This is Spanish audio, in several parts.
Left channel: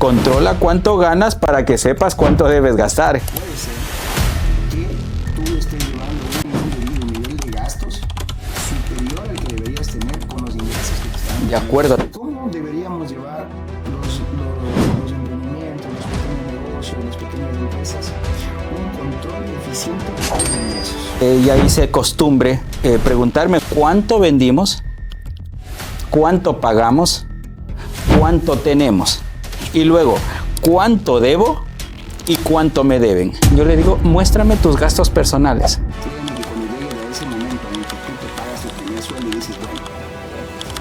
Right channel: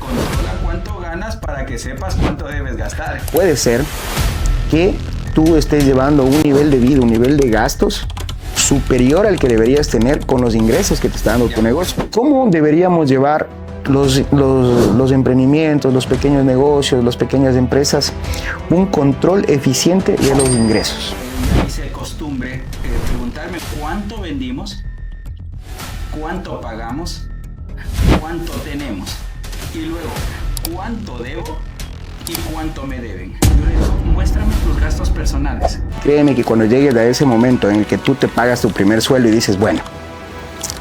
Controla cuánto ganas para que sepas cuánto debes gastar. Puede ser que tú estés llevando un nivel de vida, un nivel de gastos superior al que deberías tener con los ingresos que te está dando tu negocio. ¿Cómo deberíamos llevar los emprendimientos, los pequeños negocios, las pequeñas empresas, un control eficiente de los ingresos? Ya hice costumbre preguntarme cuánto vendimos, cuánto pagamos, cuánto tenemos y luego cuánto debo y cuánto me deben. Yo le digo, muéstrame tus gastos personales. Créeme que cuando llegues a ese momento en el que tú te pagas tu primer sueldo y dices, bueno,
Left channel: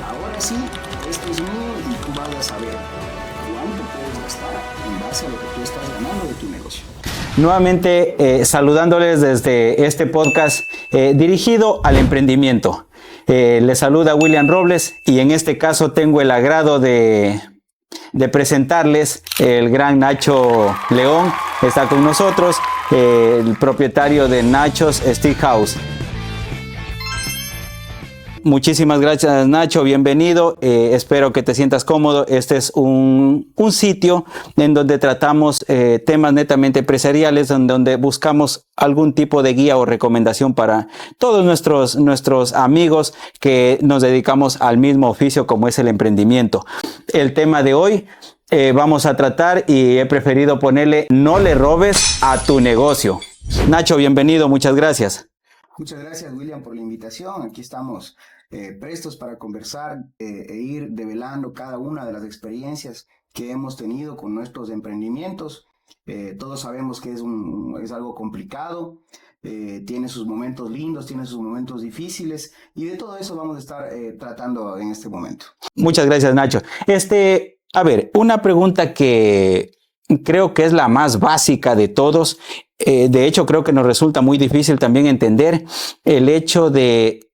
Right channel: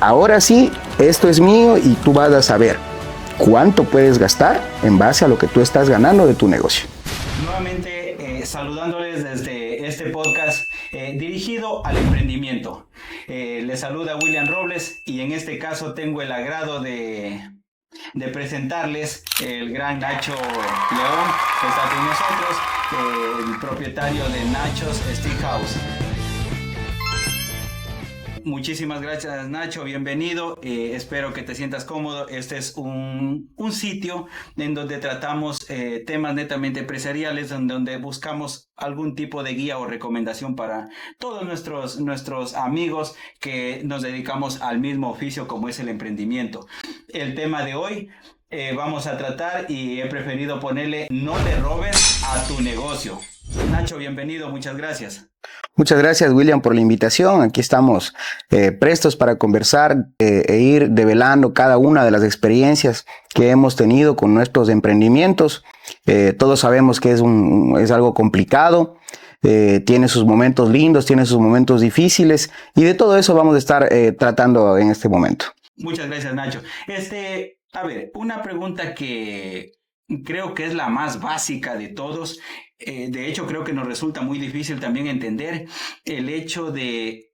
ahora sí, esto es mío y tú vas a saber cuánto puedes gastar en base a lo que tú estás ganando de tu negocio. Nuevamente saludándoles desde este podcast dirigido al emprendimiento. Les saluda William Robles y en este caso tengo el agrado de presentarles el gran Nacho León. Está con nosotros, el propietario de Nacho's Steakhouse. Muchísimas gracias, Nacho, bienvenido. Espero que te sientas cómodo. Este es un sitio en donde tratamos temas netamente empresariales, en donde buscamos algún tipo de guía o recomendación para todos nuestros amigos que nos dedicamos al mismo oficio como es el emprendimiento. El tema de hoy vamos a tratar y he preferido ponerle no le robes a tu negocio. Nacho, bienvenido, muchas gracias. Muchas gracias, William, por la invitación. Aquí estamos prestos para conversar e ir develando cada una de las experiencias que hemos tenido con nuestros emprendimientos. Todos sabemos que es algo complicado, tiene sus momentos lindos, tiene sus momentos difíciles y de todo eso vamos a estar tratando en este momento. Muchas gracias, Nacho. A ver, una pregunta que creo que es la más básica de todos. De hecho, creo que nos resulta muy difícil también entender el hecho de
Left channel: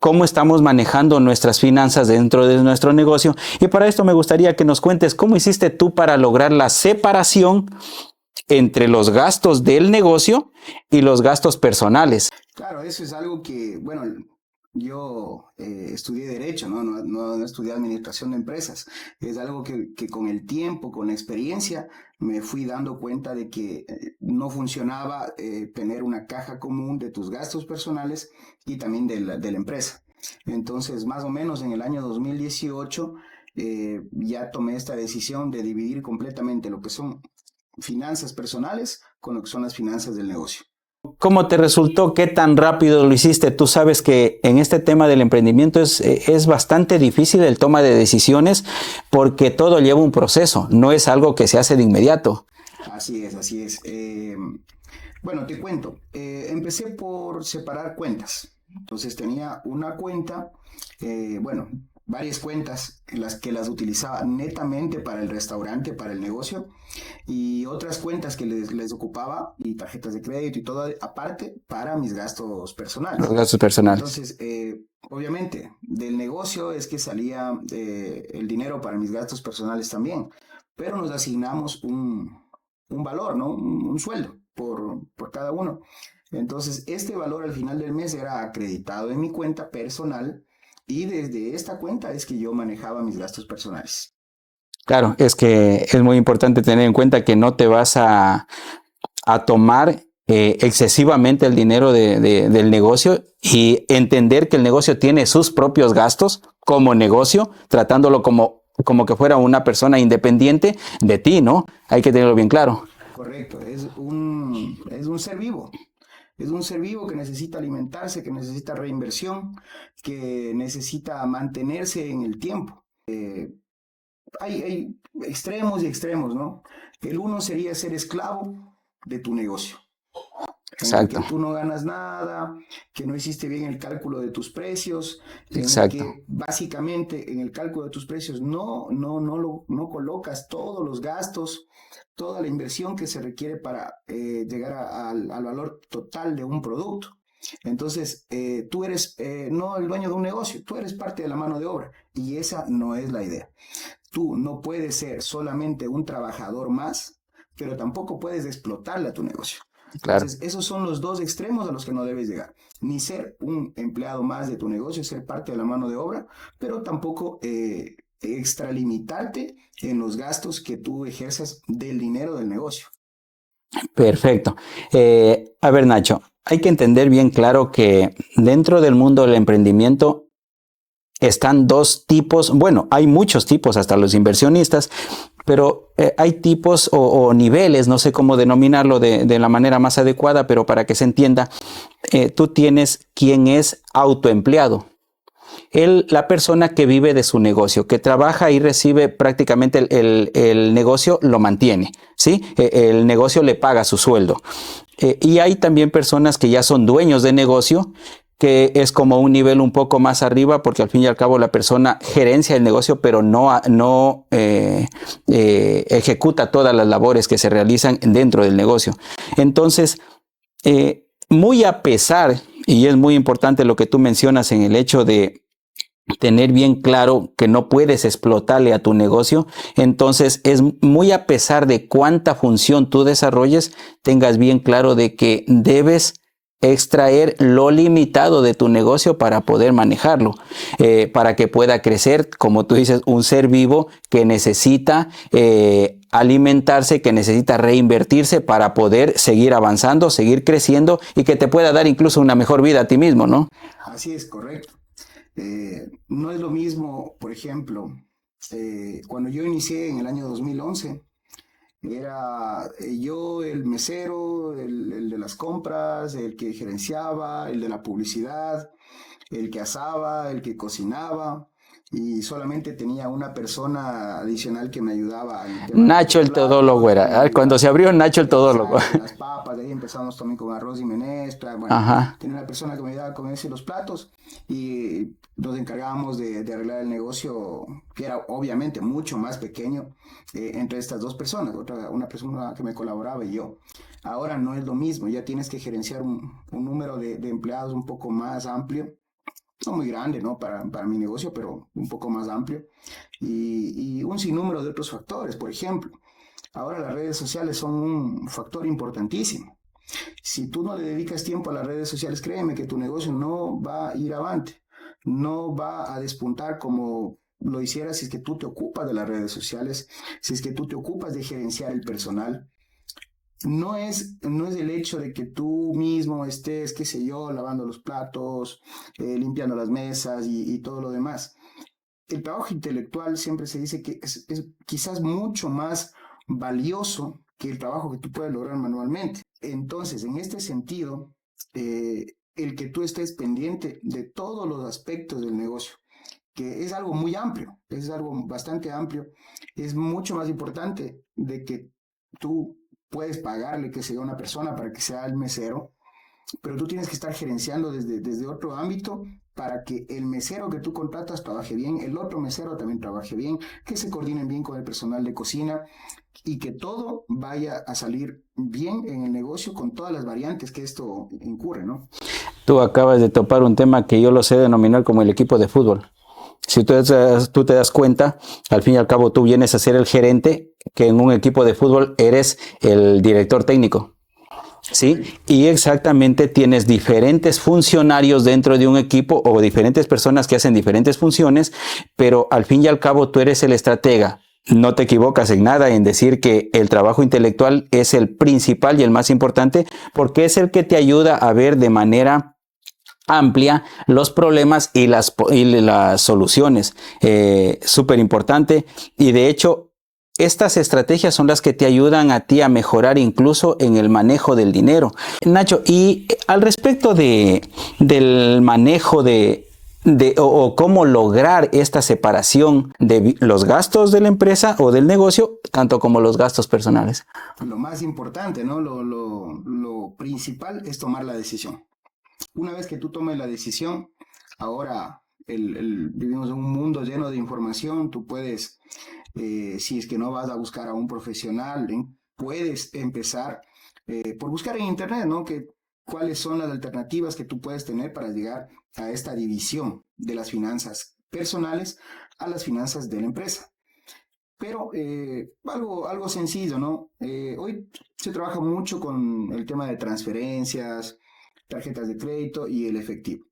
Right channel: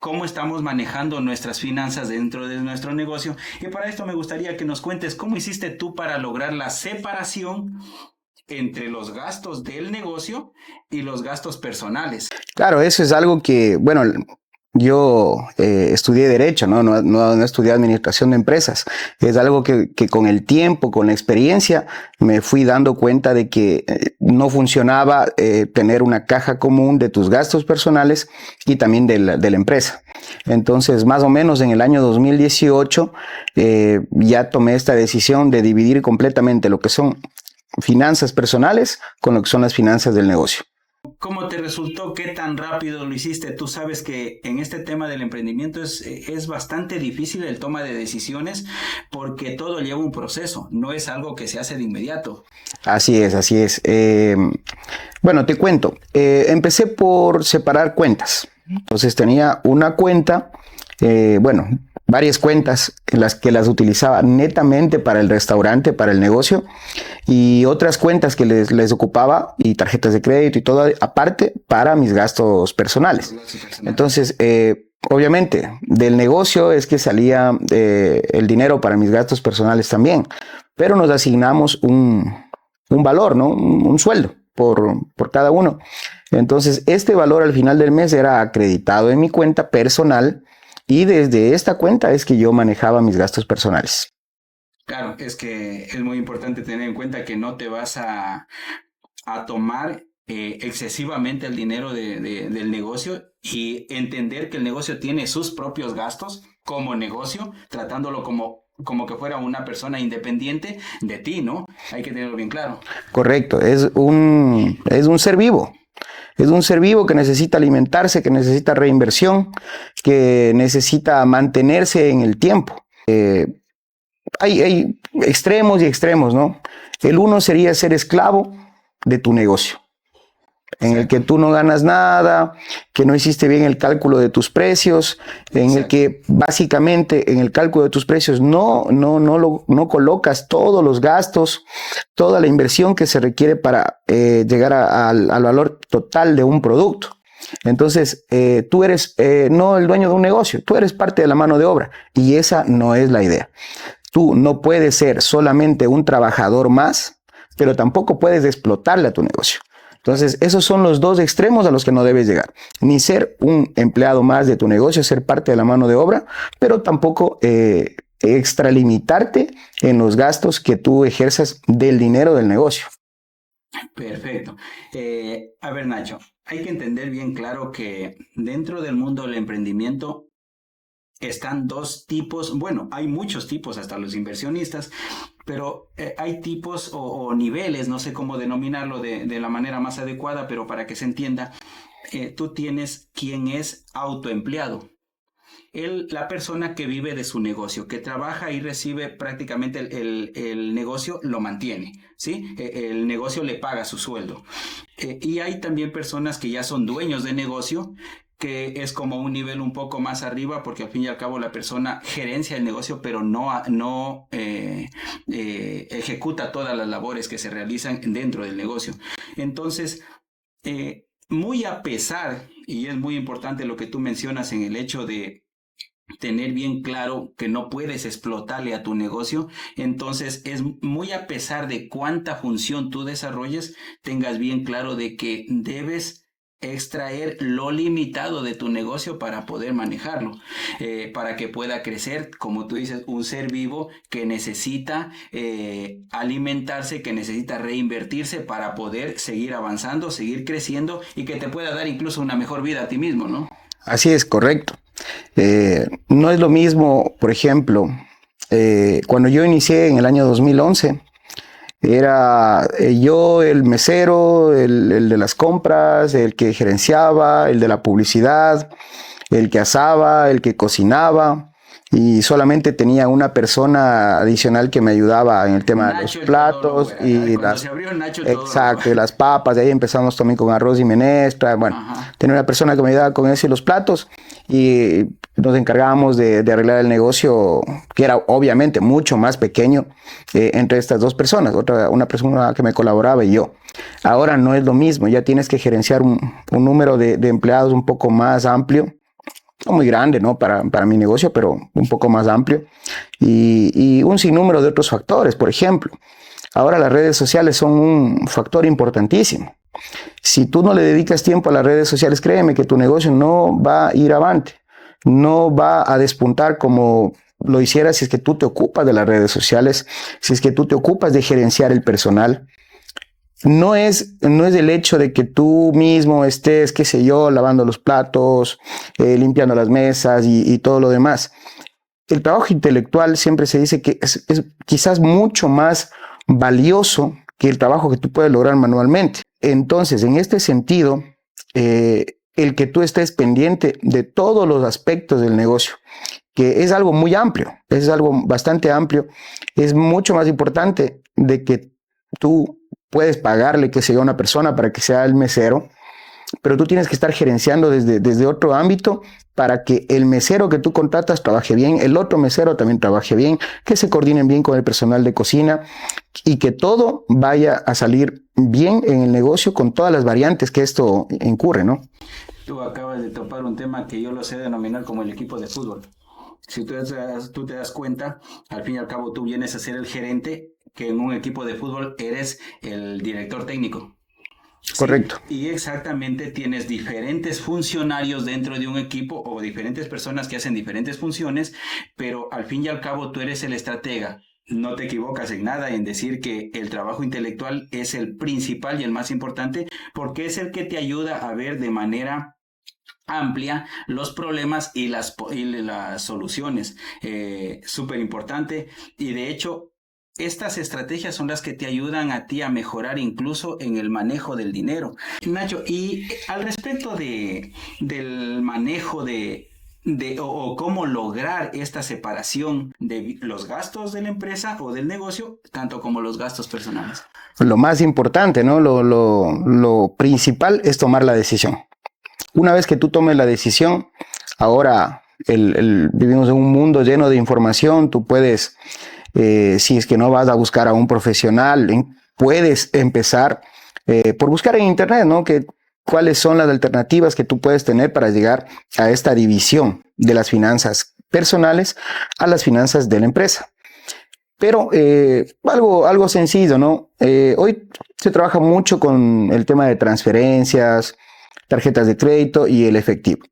cómo estamos manejando nuestras finanzas dentro de nuestro negocio. Y para esto me gustaría que nos cuentes cómo hiciste tú para lograr la separación entre los gastos del negocio y los gastos personales. Claro, eso es algo que, bueno, yo estudié Derecho, no estudié Administración de Empresas. Es algo que con el tiempo, con la experiencia, me fui dando cuenta de que no funcionaba tener una caja común de tus gastos personales y también de la empresa. Entonces, más o menos en el año 2018, ya tomé esta decisión de dividir completamente lo que son finanzas personales con lo que son las finanzas del negocio. ¿Cómo te resultó? ¿Qué tan rápido lo hiciste? Tú sabes que en este tema del emprendimiento es bastante difícil el toma de decisiones porque todo lleva un proceso, no es algo que se hace de inmediato. Así es, así es. Bueno, te cuento. Empecé por separar cuentas. Entonces tenía una cuenta, varias cuentas en las que las utilizaba netamente para el restaurante, para el negocio, y otras cuentas que les ocupaba y tarjetas de crédito y todo aparte para mis gastos personales. Los gastos personales. Entonces, obviamente, del negocio es que salía el dinero para mis gastos personales también, pero nos asignamos un valor, ¿no? Un sueldo por cada uno. Entonces, este valor al final del mes era acreditado en mi cuenta personal y desde esta cuenta es que yo manejaba mis gastos personales. Claro, es que es muy importante tener en cuenta que no te vas a tomar excesivamente el dinero del negocio y entender que el negocio tiene sus propios gastos como negocio, tratándolo como que fuera una persona independiente de ti, ¿no? Hay que tenerlo bien claro. Correcto, es un ser vivo. Es un ser vivo que necesita alimentarse, que necesita reinversión, que necesita mantenerse en el tiempo. Hay extremos y extremos, ¿no? El uno sería ser esclavo de tu negocio, en el que tú no ganas nada, que no hiciste bien el cálculo de tus precios, en el que básicamente en el cálculo de tus precios no colocas todos los gastos, toda la inversión que se requiere para llegar al valor total de un producto. Entonces, tú eres no el dueño de un negocio, tú eres parte de la mano de obra y esa no es la idea. Tú no puedes ser solamente un trabajador más, pero tampoco puedes explotarle a tu negocio. Entonces, esos son los dos extremos a los que no debes llegar. Ni ser un empleado más de tu negocio, ser parte de la mano de obra, pero tampoco extralimitarte en los gastos que tú ejerzas del dinero del negocio. Perfecto. A ver, Nacho, hay que entender bien claro que dentro del mundo del emprendimiento están dos tipos, bueno, hay muchos tipos, hasta los inversionistas, pero hay tipos o niveles, no sé cómo denominarlo de la manera más adecuada, pero para que se entienda, tú tienes quien es autoempleado. La persona que vive de su negocio, que trabaja y recibe prácticamente el negocio, lo mantiene, ¿sí? El negocio le paga su sueldo. Y hay también personas que ya son dueños de negocio, que es como un nivel un poco más arriba, porque al fin y al cabo la persona gerencia el negocio, pero no ejecuta todas las labores que se realizan dentro del negocio. Entonces, muy a pesar, y es muy importante lo que tú mencionas en el hecho de tener bien claro que no puedes explotarle a tu negocio, entonces es muy a pesar de cuánta función tú desarrolles, tengas bien claro de que debes extraer lo limitado de tu negocio para poder manejarlo, para que pueda crecer, como tú dices, un ser vivo que necesita alimentarse, que necesita reinvertirse para poder seguir avanzando, seguir creciendo y que te pueda dar incluso una mejor vida a ti mismo, ¿no? Así es, correcto. No es lo mismo, por ejemplo, cuando yo inicié en el año 2011, era yo el mesero, el de las compras, el que gerenciaba, el de la publicidad, el que asaba, el que cocinaba. Y solamente tenía una persona adicional que me ayudaba en el tema Nacho de los el todólogo platos. era. Cuando se abrió Nacho el todólogo. Exacto, y las papas. De ahí empezamos también con arroz y menestra. Bueno, Ajá. tenía una persona que me ayudaba con eso y los platos. Y nos encargábamos de arreglar el negocio, que era obviamente mucho más pequeño entre estas dos personas. Una persona que me colaboraba y yo. Ahora no es lo mismo. Ya tienes que gerenciar un número de empleados un poco más amplio. No muy grande, ¿no? Para mi negocio, pero un poco más amplio. Y un sinnúmero de otros factores. Por ejemplo, ahora las redes sociales son un factor importantísimo. Si tú no le dedicas tiempo a las redes sociales, créeme que tu negocio no va a ir avante. No va a despuntar como lo hicieras si es que tú te ocupas de las redes sociales, si es que tú te ocupas de gerenciar el personal. No es el hecho de que tú mismo estés, qué sé yo, lavando los platos, limpiando las mesas y todo lo demás. El trabajo intelectual siempre se dice que es quizás mucho más valioso que el trabajo que tú puedes lograr manualmente. Entonces, en este sentido, el que tú estés pendiente de todos los aspectos del negocio, que es algo muy amplio, es algo bastante amplio, es mucho más importante de que tú puedes pagarle, que sea una persona para que sea el mesero, pero tú tienes que estar gerenciando desde otro ámbito para que el mesero que tú contratas trabaje bien, el otro mesero también trabaje bien, que se coordinen bien con el personal de cocina y que todo vaya a salir bien en el negocio con todas las variantes que esto incurre, ¿no? Tú acabas de topar un tema que yo lo sé denominar como el equipo de fútbol. Si tú te das cuenta, al fin y al cabo tú vienes a ser el gerente, que en un equipo de fútbol eres el director técnico. ¿Sí? Correcto. Y exactamente tienes diferentes funcionarios dentro de un equipo o diferentes personas que hacen diferentes funciones, pero al fin y al cabo tú eres el estratega. No te equivocas en nada en decir que el trabajo intelectual es el principal y el más importante, porque es el que te ayuda a ver de manera amplia los problemas y las soluciones. Súper importante. Y de hecho, estas estrategias son las que te ayudan a ti a mejorar incluso en el manejo del dinero. Nacho, y al respecto del manejo o cómo lograr esta separación de los gastos de la empresa o del negocio, tanto como los gastos personales. Lo más importante, ¿no? Lo principal es tomar la decisión. Una vez que tú tomes la decisión, ahora vivimos en un mundo lleno de información, tú puedes, si es que no vas a buscar a un profesional, puedes empezar por buscar en internet, ¿no? Cuáles son las alternativas que tú puedes tener para llegar a esta división de las finanzas personales a las finanzas de la empresa. Pero algo sencillo, ¿no? Hoy se trabaja mucho con el tema de transferencias, tarjetas de crédito y el efectivo.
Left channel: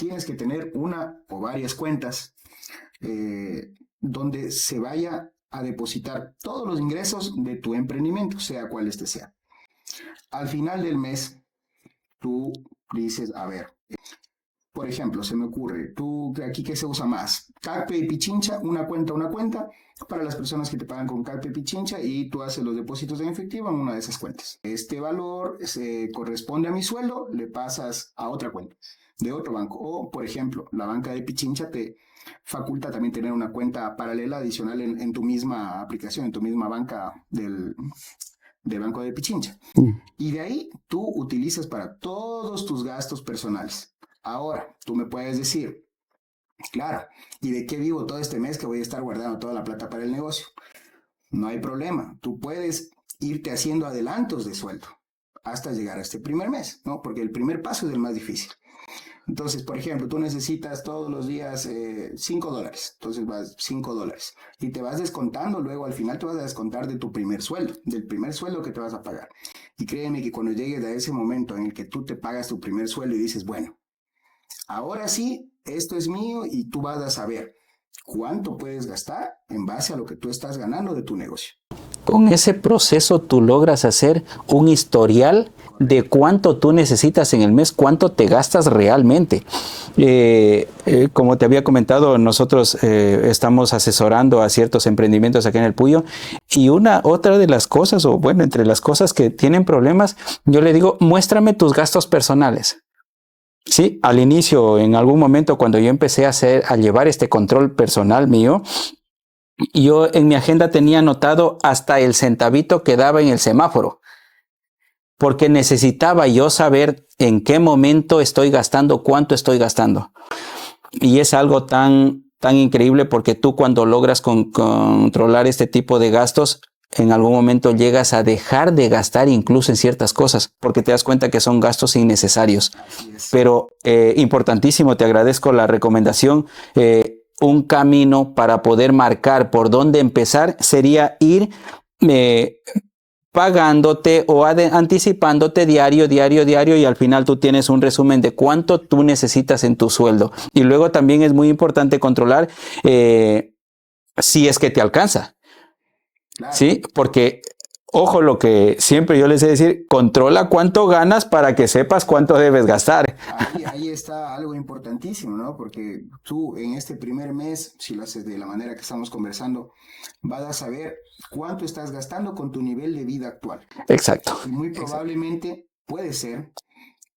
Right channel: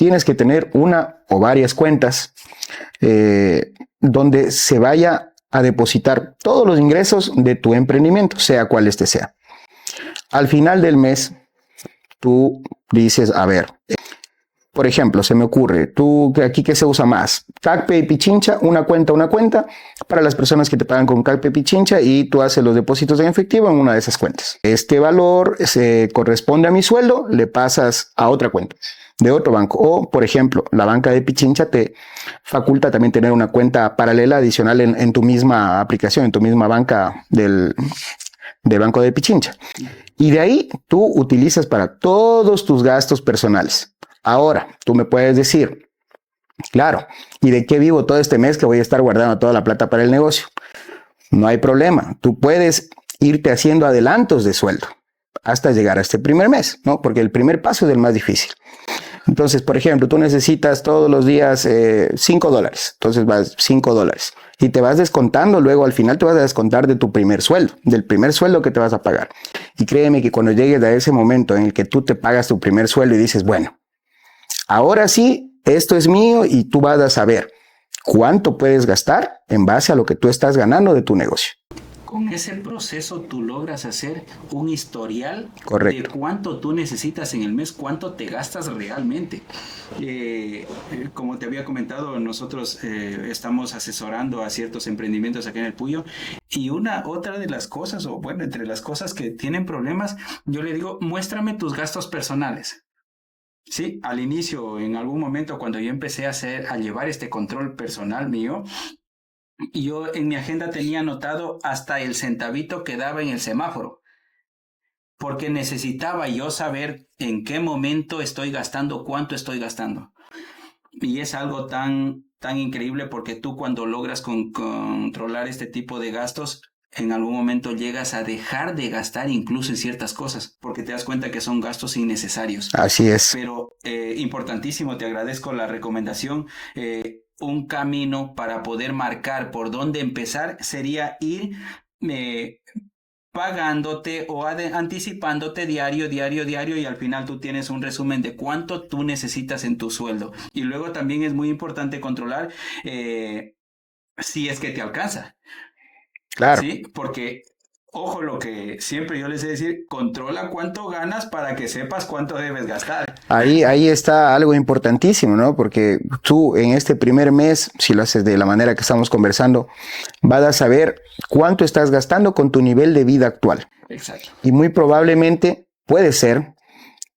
tienes que tener una o varias cuentas donde se vaya a depositar todos los ingresos de tu emprendimiento, sea cual este sea. Al final del mes, tú dices, a ver, por ejemplo, se me ocurre, tú aquí que se usa más, CACPE y Pichincha, una cuenta para las personas que te pagan con CACPE y Pichincha y tú haces los depósitos en efectivo en una de esas cuentas. Este valor se corresponde a mi sueldo, le pasas a otra cuenta de otro banco. O, por ejemplo, la banca de Pichincha te faculta también tener una cuenta paralela adicional en tu misma aplicación, en tu misma banca del Banco de Pichincha. Y de ahí tú utilizas para todos tus gastos personales. Ahora, tú me puedes decir, claro, ¿y de qué vivo todo este mes que voy a estar guardando toda la plata para el negocio? No hay problema. Tú puedes irte haciendo adelantos de sueldo hasta llegar a este primer mes, ¿no? Porque el primer paso es el más difícil. Entonces, por ejemplo, tú necesitas todos los días $5. Entonces vas $5 y te vas descontando, luego al final te vas a descontar de tu primer sueldo, del primer sueldo que te vas a pagar. Y créeme que cuando llegues a ese momento en el que tú te pagas tu primer sueldo y dices, bueno, ahora sí, esto es mío y tú vas a saber cuánto puedes gastar en base a lo que tú estás ganando de tu negocio. Con ese proceso tú logras hacer un historial de cuánto tú necesitas en el mes, cuánto te gastas realmente. Como te había comentado, nosotros estamos asesorando a ciertos emprendimientos aquí en el Puyo y otra de las cosas, o bueno, entre las cosas que tienen problemas, yo le digo, muéstrame tus gastos personales. Sí, al inicio, en algún momento cuando yo empecé a llevar este control personal mío, yo en mi agenda tenía anotado hasta el centavito que daba en el semáforo, porque necesitaba yo saber en qué momento estoy gastando, cuánto estoy gastando. Y es algo tan increíble porque tú cuando logras controlar este tipo de gastos, en algún momento llegas a dejar de gastar incluso en ciertas cosas, porque te das cuenta que son gastos innecesarios. Así es. Pero importantísimo, te agradezco la recomendación. Un camino para poder marcar por dónde empezar sería ir pagándote o anticipándote diario y al final tú tienes un resumen de cuánto tú necesitas en tu sueldo. Y luego también es muy importante controlar si es que te alcanza. Claro. Sí, porque ojo, lo que siempre yo les he decir, controla cuánto ganas para que sepas cuánto debes gastar. Ahí está algo importantísimo, ¿no? Porque tú en este primer mes, si lo haces de la manera que estamos conversando, vas a saber cuánto estás gastando con tu nivel de vida actual. Exacto. Y muy probablemente puede ser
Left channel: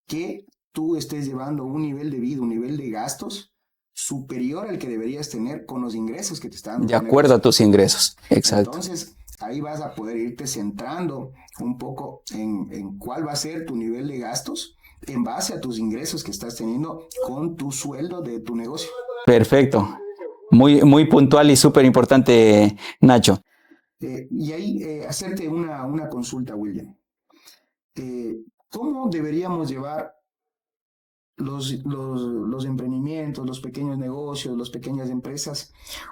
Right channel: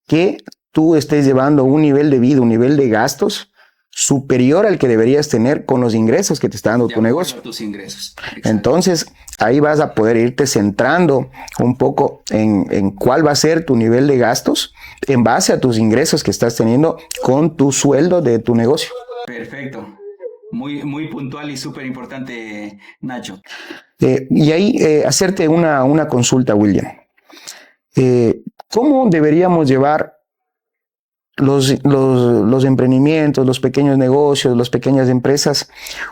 que tú estés llevando un nivel de vida, un nivel de gastos superior al que deberías tener con los ingresos que te está dando tu negocio. De acuerdo a tus ingresos. Exacto. Entonces, ahí vas a poder irte centrando un poco en cuál va a ser tu nivel de gastos en base a tus ingresos que estás teniendo con tu sueldo de tu negocio. Perfecto. Muy puntual y súper importante, Nacho. Y ahí hacerte una consulta, William. ¿Cómo deberíamos llevar los emprendimientos, los pequeños negocios, las pequeñas empresas,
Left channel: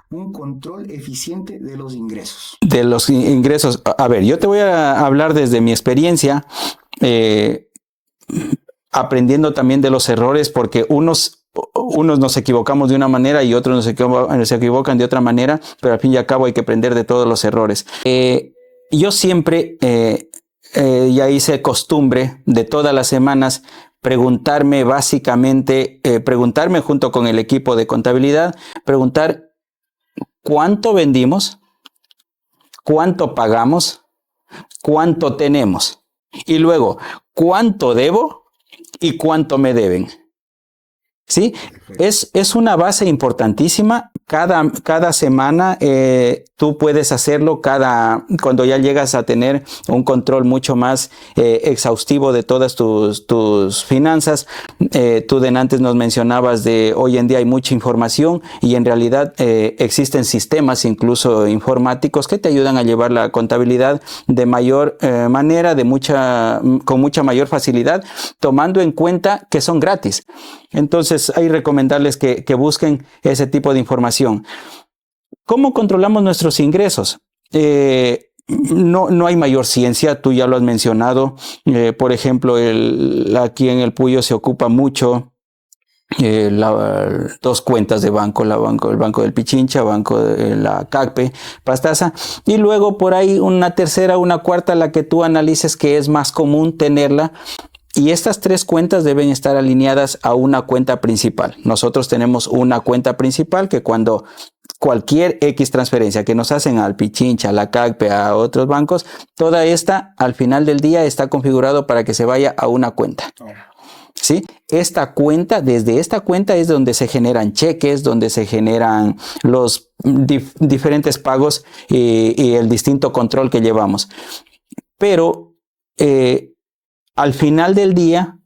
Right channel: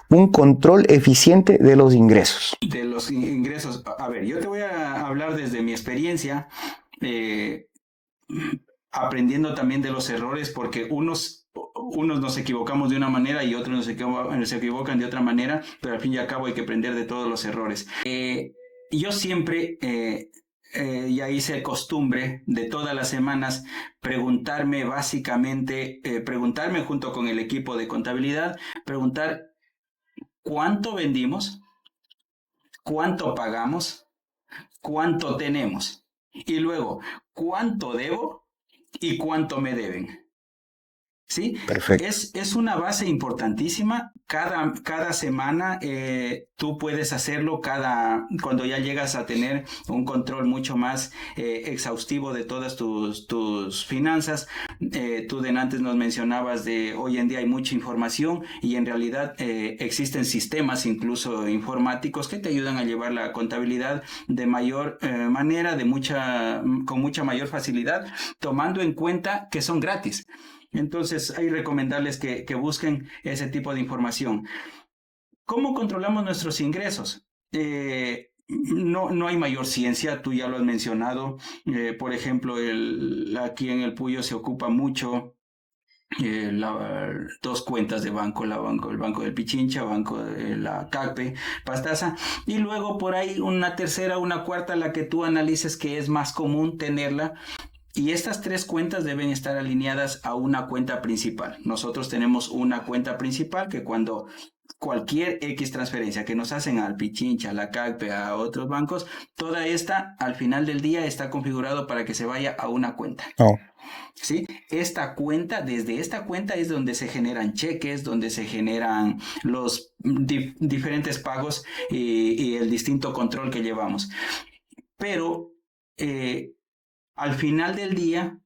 un control eficiente de los ingresos? De los ingresos. A ver, yo te voy a hablar desde mi experiencia, aprendiendo también de los errores, porque unos nos equivocamos de una manera y otros se equivocan de otra manera, pero al fin y al cabo hay que aprender de todos los errores. Yo siempre ya hice costumbre de todas las semanas preguntarme junto con el equipo de contabilidad, preguntar cuánto vendimos, cuánto pagamos, cuánto tenemos y luego cuánto debo y cuánto me deben. ¿Sí? Perfecto. Es una base importantísima. Cada semana tú puedes hacerlo cuando ya llegas a tener un control mucho más exhaustivo de todas tus finanzas. Tú de antes nos mencionabas de hoy en día hay mucha información y en realidad existen sistemas incluso informáticos que te ayudan a llevar la contabilidad de mayor manera, con mucha mayor facilidad, tomando en cuenta que son gratis. Entonces hay que recomendarles que busquen ese tipo de información. ¿Cómo controlamos nuestros ingresos? No hay mayor ciencia, tú ya lo has mencionado. Por ejemplo, aquí en el Puyo se ocupa mucho dos cuentas de banco, el banco del Pichincha, banco de la CACPE, Pastaza, y luego por ahí una tercera, una cuarta, la que tú analices que es más común tenerla. Y estas tres cuentas deben estar alineadas a una cuenta principal. Nosotros tenemos una cuenta principal que cuando cualquier X transferencia que nos hacen al Pichincha, a la CACPE, a otros bancos, toda esta al final del día está configurado para que se vaya a una cuenta. Oh. ¿Sí? Esta cuenta, desde esta cuenta es donde se generan cheques, donde se generan los diferentes pagos y el distinto control que llevamos. Pero al final del día,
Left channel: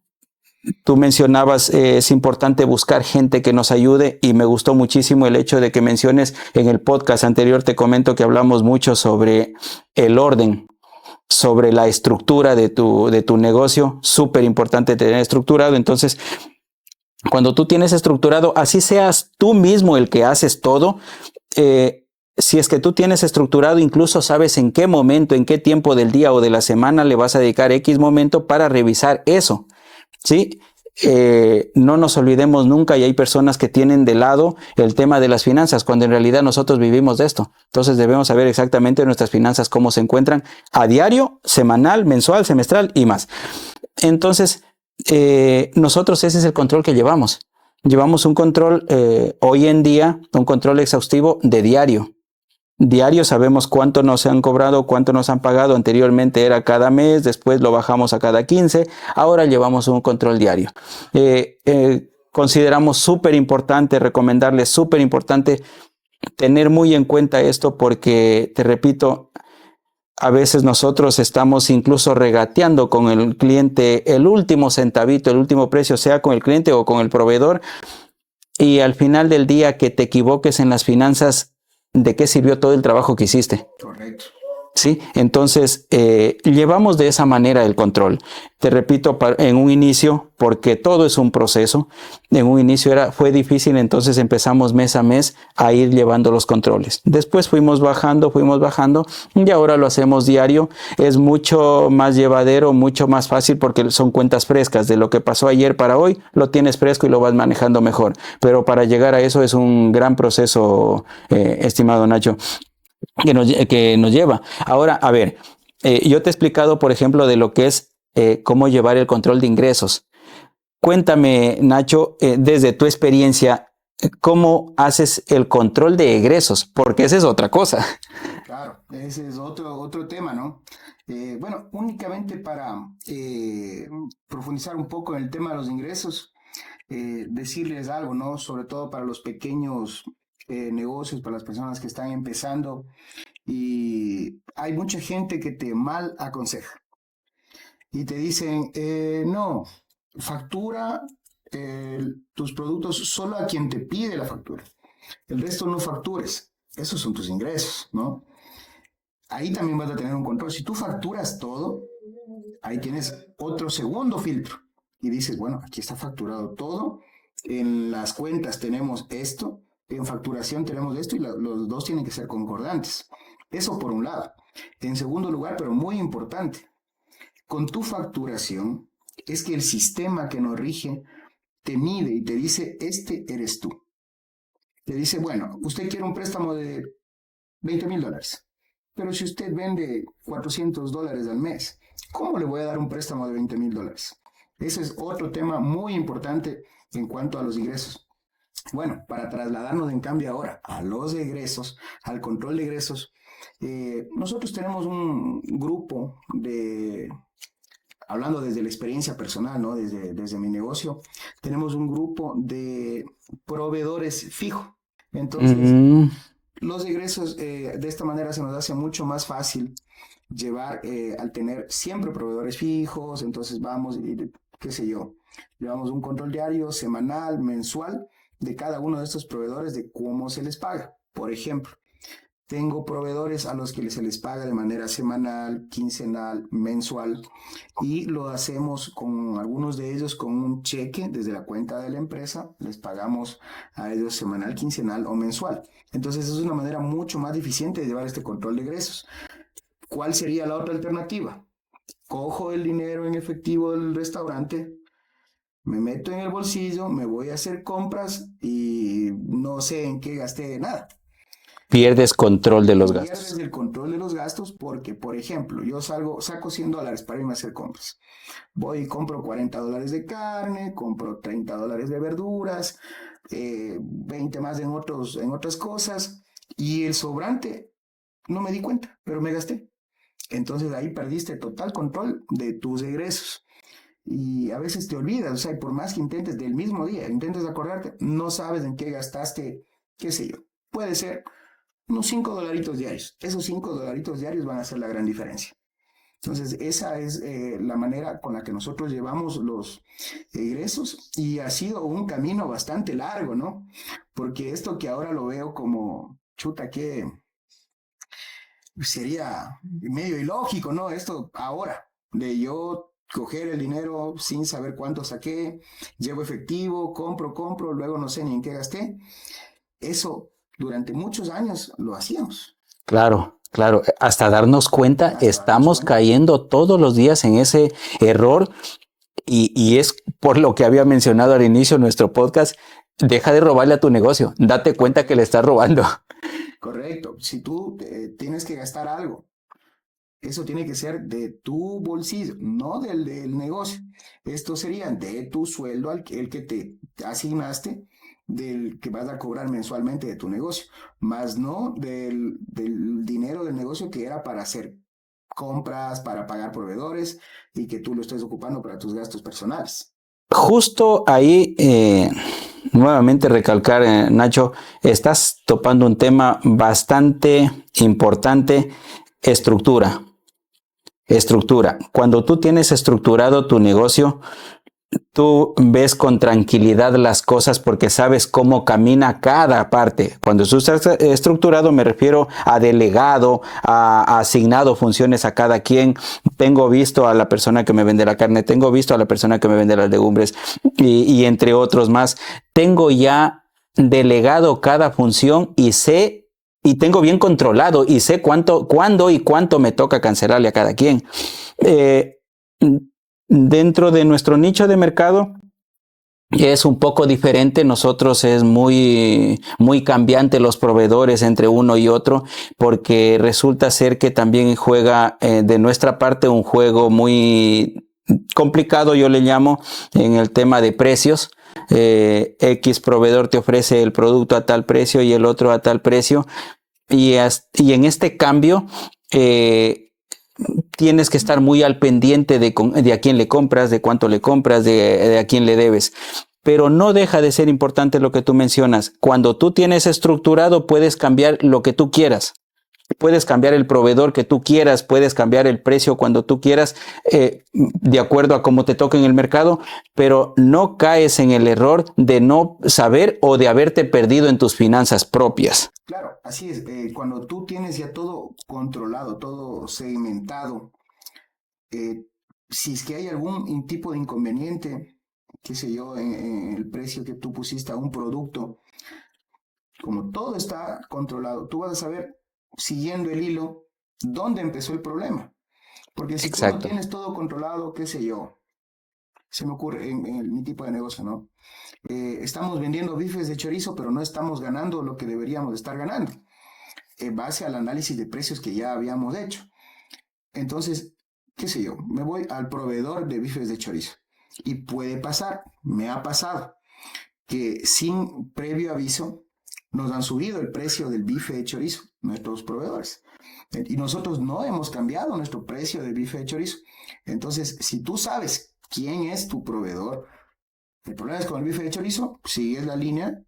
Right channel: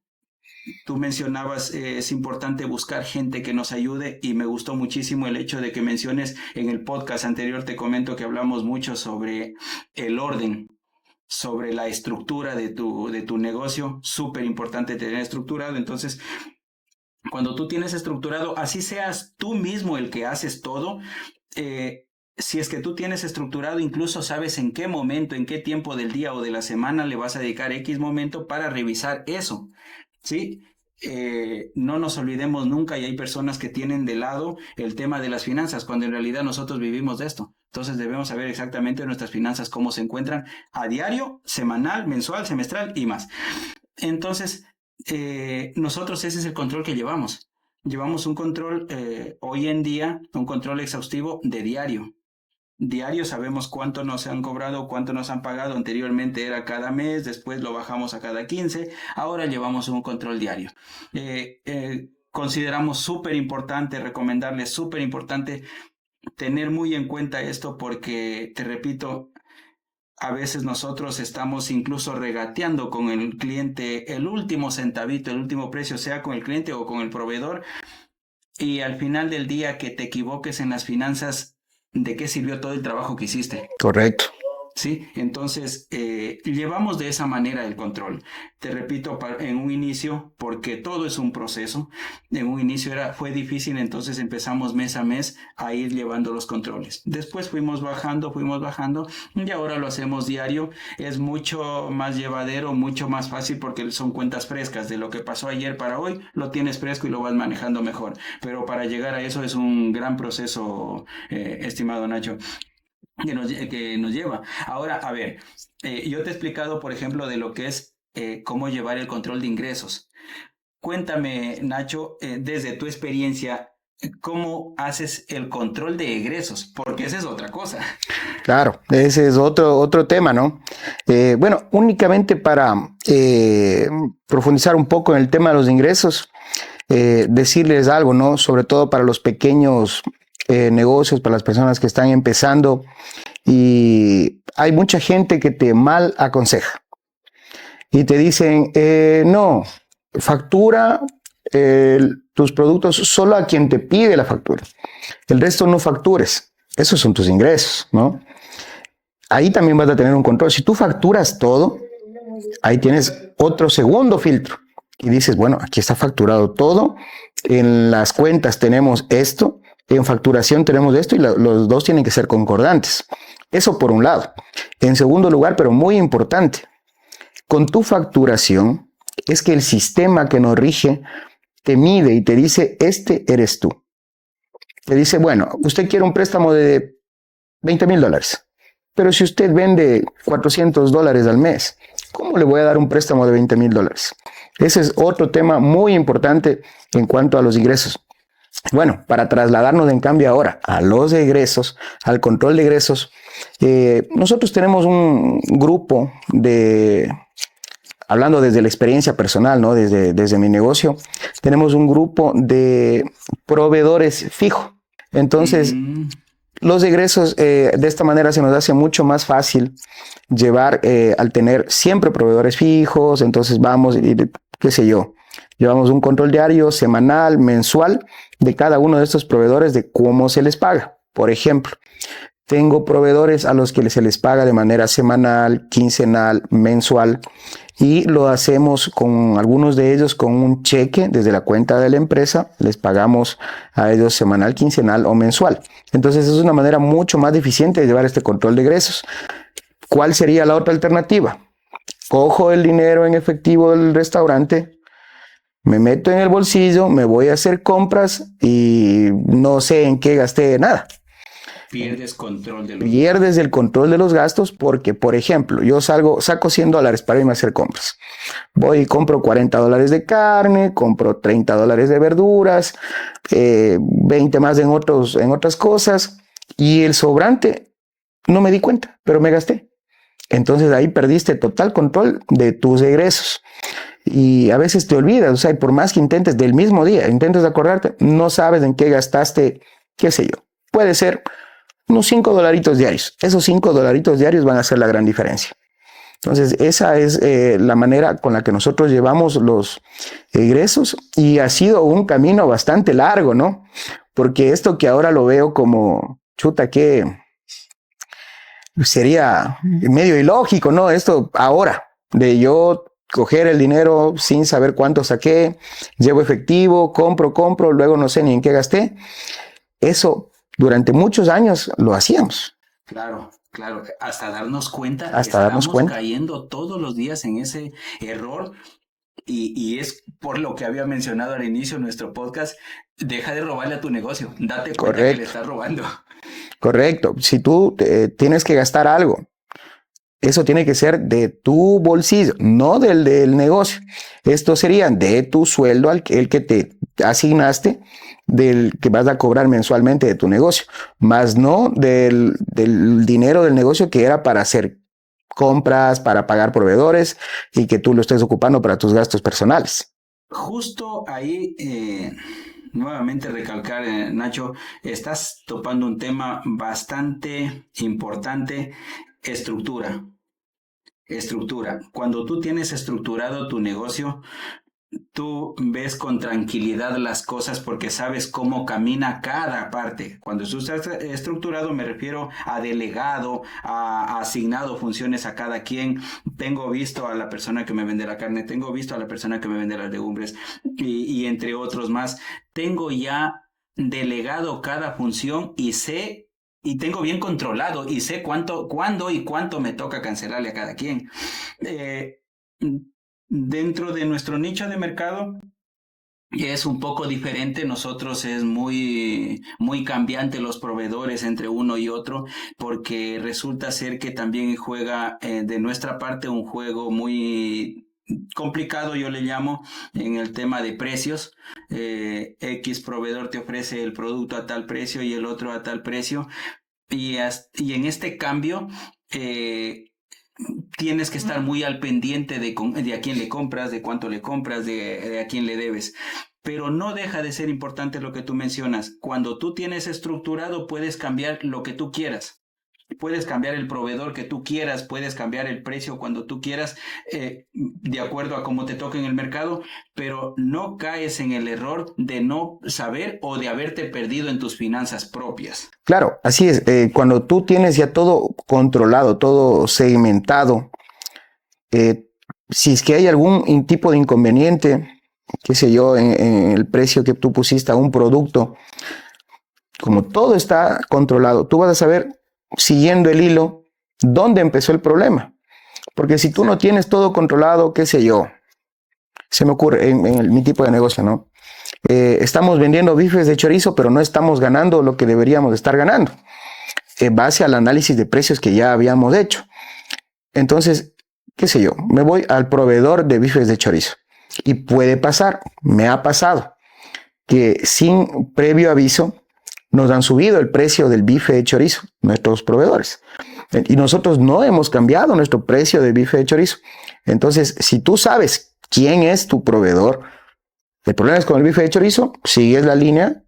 tú mencionabas, es importante buscar gente que nos ayude y me gustó muchísimo el hecho de que menciones en el podcast anterior, te comento que hablamos mucho sobre el orden, sobre la estructura de tu negocio, súper importante tener estructurado. Entonces, cuando tú tienes estructurado, así seas tú mismo el que haces todo, si es que tú tienes estructurado, incluso sabes en qué momento, en qué tiempo del día o de la semana le vas a dedicar X momento para revisar eso, ¿sí? No nos olvidemos nunca, y hay personas que tienen de lado el tema de las finanzas, cuando en realidad nosotros vivimos de esto. Entonces debemos saber exactamente nuestras finanzas, cómo se encuentran a diario, semanal, mensual, semestral y más. Entonces, nosotros ese es el control que llevamos. Llevamos un control, hoy en día, un control exhaustivo de diario. Diario sabemos cuánto nos han cobrado, cuánto nos han pagado. Anteriormente era cada mes, después lo bajamos a cada 15. Ahora llevamos un control diario. Consideramos súper importante, recomendarles súper importante tener muy en cuenta esto porque, te repito, a veces nosotros estamos incluso regateando con el cliente el último centavito, el último precio, sea con el cliente o con el proveedor. Y al final del día que te equivoques en las finanzas, ¿de qué sirvió todo el trabajo que hiciste? Correcto. ¿Sí? Entonces, llevamos de esa manera el control. Te repito, en un inicio, porque todo es un proceso, en un inicio fue difícil, entonces empezamos mes a mes a ir llevando los controles. Después fuimos bajando, y ahora lo hacemos diario. Es mucho más llevadero, mucho más fácil, porque son cuentas frescas. De lo que pasó ayer para hoy, lo tienes fresco y lo vas manejando mejor. Pero para llegar a eso es un gran proceso, estimado Nacho, que nos lleva. Ahora, a ver, yo te he explicado, por ejemplo, de lo que es cómo llevar el control de ingresos. Cuéntame, Nacho, desde tu experiencia, ¿cómo haces el control de egresos? Porque esa es otra cosa. Claro, ese es otro tema, ¿no? Bueno, únicamente para profundizar un poco en el tema de los ingresos, decirles algo, ¿no? Sobre todo para los pequeños negocios, para las personas que están empezando, y hay mucha gente que te mal aconseja y te dicen, no, factura tus productos solo a quien te pide la factura, el resto no factures, esos son tus ingresos, ¿no? Ahí también vas a tener un control. Si tú facturas todo, ahí tienes otro segundo filtro y dices, bueno, aquí está facturado todo, en las cuentas tenemos esto, en facturación tenemos esto, y los dos tienen que ser concordantes. Eso por un lado. En segundo lugar, pero muy importante, con tu facturación es que el sistema que nos rige te mide y te dice, este eres tú. Te dice, bueno, usted quiere un préstamo de $20,000, pero si usted vende $400 al mes, ¿cómo le voy a dar un préstamo de $20,000? Ese es otro tema muy importante en cuanto a los ingresos. Bueno, para trasladarnos en cambio ahora a los egresos, al control de egresos, nosotros tenemos un grupo hablando desde la experiencia personal, ¿no? Desde mi negocio, tenemos un grupo de proveedores fijo. Entonces, los egresos de esta manera se nos hace mucho más fácil llevar al tener siempre proveedores fijos. Entonces vamos y qué sé yo, llevamos un control diario, semanal, mensual de cada uno de estos proveedores de cómo se les paga. Por ejemplo, tengo proveedores a los que se les paga de manera semanal, quincenal, mensual, y lo hacemos con algunos de ellos con un cheque desde la cuenta de la empresa. Les pagamos a ellos semanal, quincenal o mensual. Entonces es una manera mucho más eficiente de llevar este control de egresos. ¿Cuál sería la otra alternativa? Cojo el dinero en efectivo del restaurante, me meto en el bolsillo, me voy a hacer compras y no sé en qué gasté nada. Pierdes control de los gastos. Pierdes el control de los gastos porque, por ejemplo, yo saco $100 para irme a hacer compras. Voy y compro $40 de carne, compro $30 de verduras, 20 más en otras cosas, y el sobrante no me di cuenta, pero me gasté. Entonces ahí perdiste total control de tus egresos. Y a veces te olvidas, o sea, por más que intentes del mismo día, intentes acordarte, no sabes en qué gastaste, qué sé yo. Puede ser unos $5 diarios. Esos $5 diarios van a hacer la gran diferencia. Entonces, esa es la manera con la que nosotros llevamos los egresos, y ha sido un camino bastante largo, ¿no? Porque esto que ahora lo veo como, chuta, que sería medio ilógico, ¿no? Esto ahora, de yo coger el dinero sin saber cuánto saqué, llevo efectivo, compro, luego no sé ni en qué gasté. Eso durante muchos años lo hacíamos. Claro. Hasta darnos cuenta, estamos cayendo todos los días en ese error, y es por lo que había mencionado al inicio de nuestro podcast: deja de robarle a tu negocio, date cuenta que le estás robando. Correcto. Si tú tienes que gastar algo, eso tiene que ser de tu bolsillo, no del negocio. Esto sería de tu sueldo, el que te asignaste, del que vas a cobrar mensualmente de tu negocio, más no del dinero del negocio que era para hacer compras, para pagar proveedores, y que tú lo estés ocupando para tus gastos personales. Justo ahí, nuevamente recalcar, Nacho, estás topando un tema bastante importante: estructura. Cuando tú tienes estructurado tu negocio, tú ves con tranquilidad las cosas porque sabes cómo camina cada parte. Cuando tú estás estructurado, me refiero a delegado, a asignado funciones a cada quien. Tengo visto a la persona que me vende la carne, tengo visto a la persona que me vende las legumbres, y entre otros más. Tengo ya delegado cada función y tengo bien controlado, y sé cuándo y cuánto me toca cancelarle a cada quien. Dentro de nuestro nicho de mercado es un poco diferente. Nosotros es muy cambiante los proveedores entre uno y otro, porque resulta ser que también juega de nuestra parte un juego muy complicado, yo le llamo, en el tema de precios. X proveedor te ofrece el producto a tal precio y el otro a tal precio, y en este cambio tienes que estar muy al pendiente de a quién le compras, de cuánto le compras, de a quién le debes. Pero no deja de ser importante lo que tú mencionas. Cuando tú tienes estructurado, puedes cambiar lo que tú quieras. Puedes cambiar el proveedor que tú quieras, puedes cambiar el precio cuando tú quieras, de acuerdo a cómo te toque en el mercado, pero no caes en el error de no saber o de haberte perdido en tus finanzas propias. Claro, así es. Cuando tú tienes ya todo controlado, todo segmentado, si es que hay algún tipo de inconveniente, qué sé yo, en el precio que tú pusiste a un producto, como todo está controlado, tú vas a saber, siguiendo el hilo, dónde empezó el problema. Porque si tú no tienes todo controlado, qué sé yo, se me ocurre en mi tipo de negocio, ¿no? Estamos vendiendo bifes de chorizo, pero no estamos ganando lo que deberíamos estar ganando, en base al análisis de precios que ya habíamos hecho. Entonces, qué sé yo, me voy al proveedor de bifes de chorizo, y puede pasar, me ha pasado, que sin previo aviso nos han subido el precio del bife de chorizo, nuestros proveedores. Y nosotros no hemos cambiado nuestro precio de bife de chorizo. Entonces, si tú sabes quién es tu proveedor, el problema es con el bife de chorizo, sigues la línea,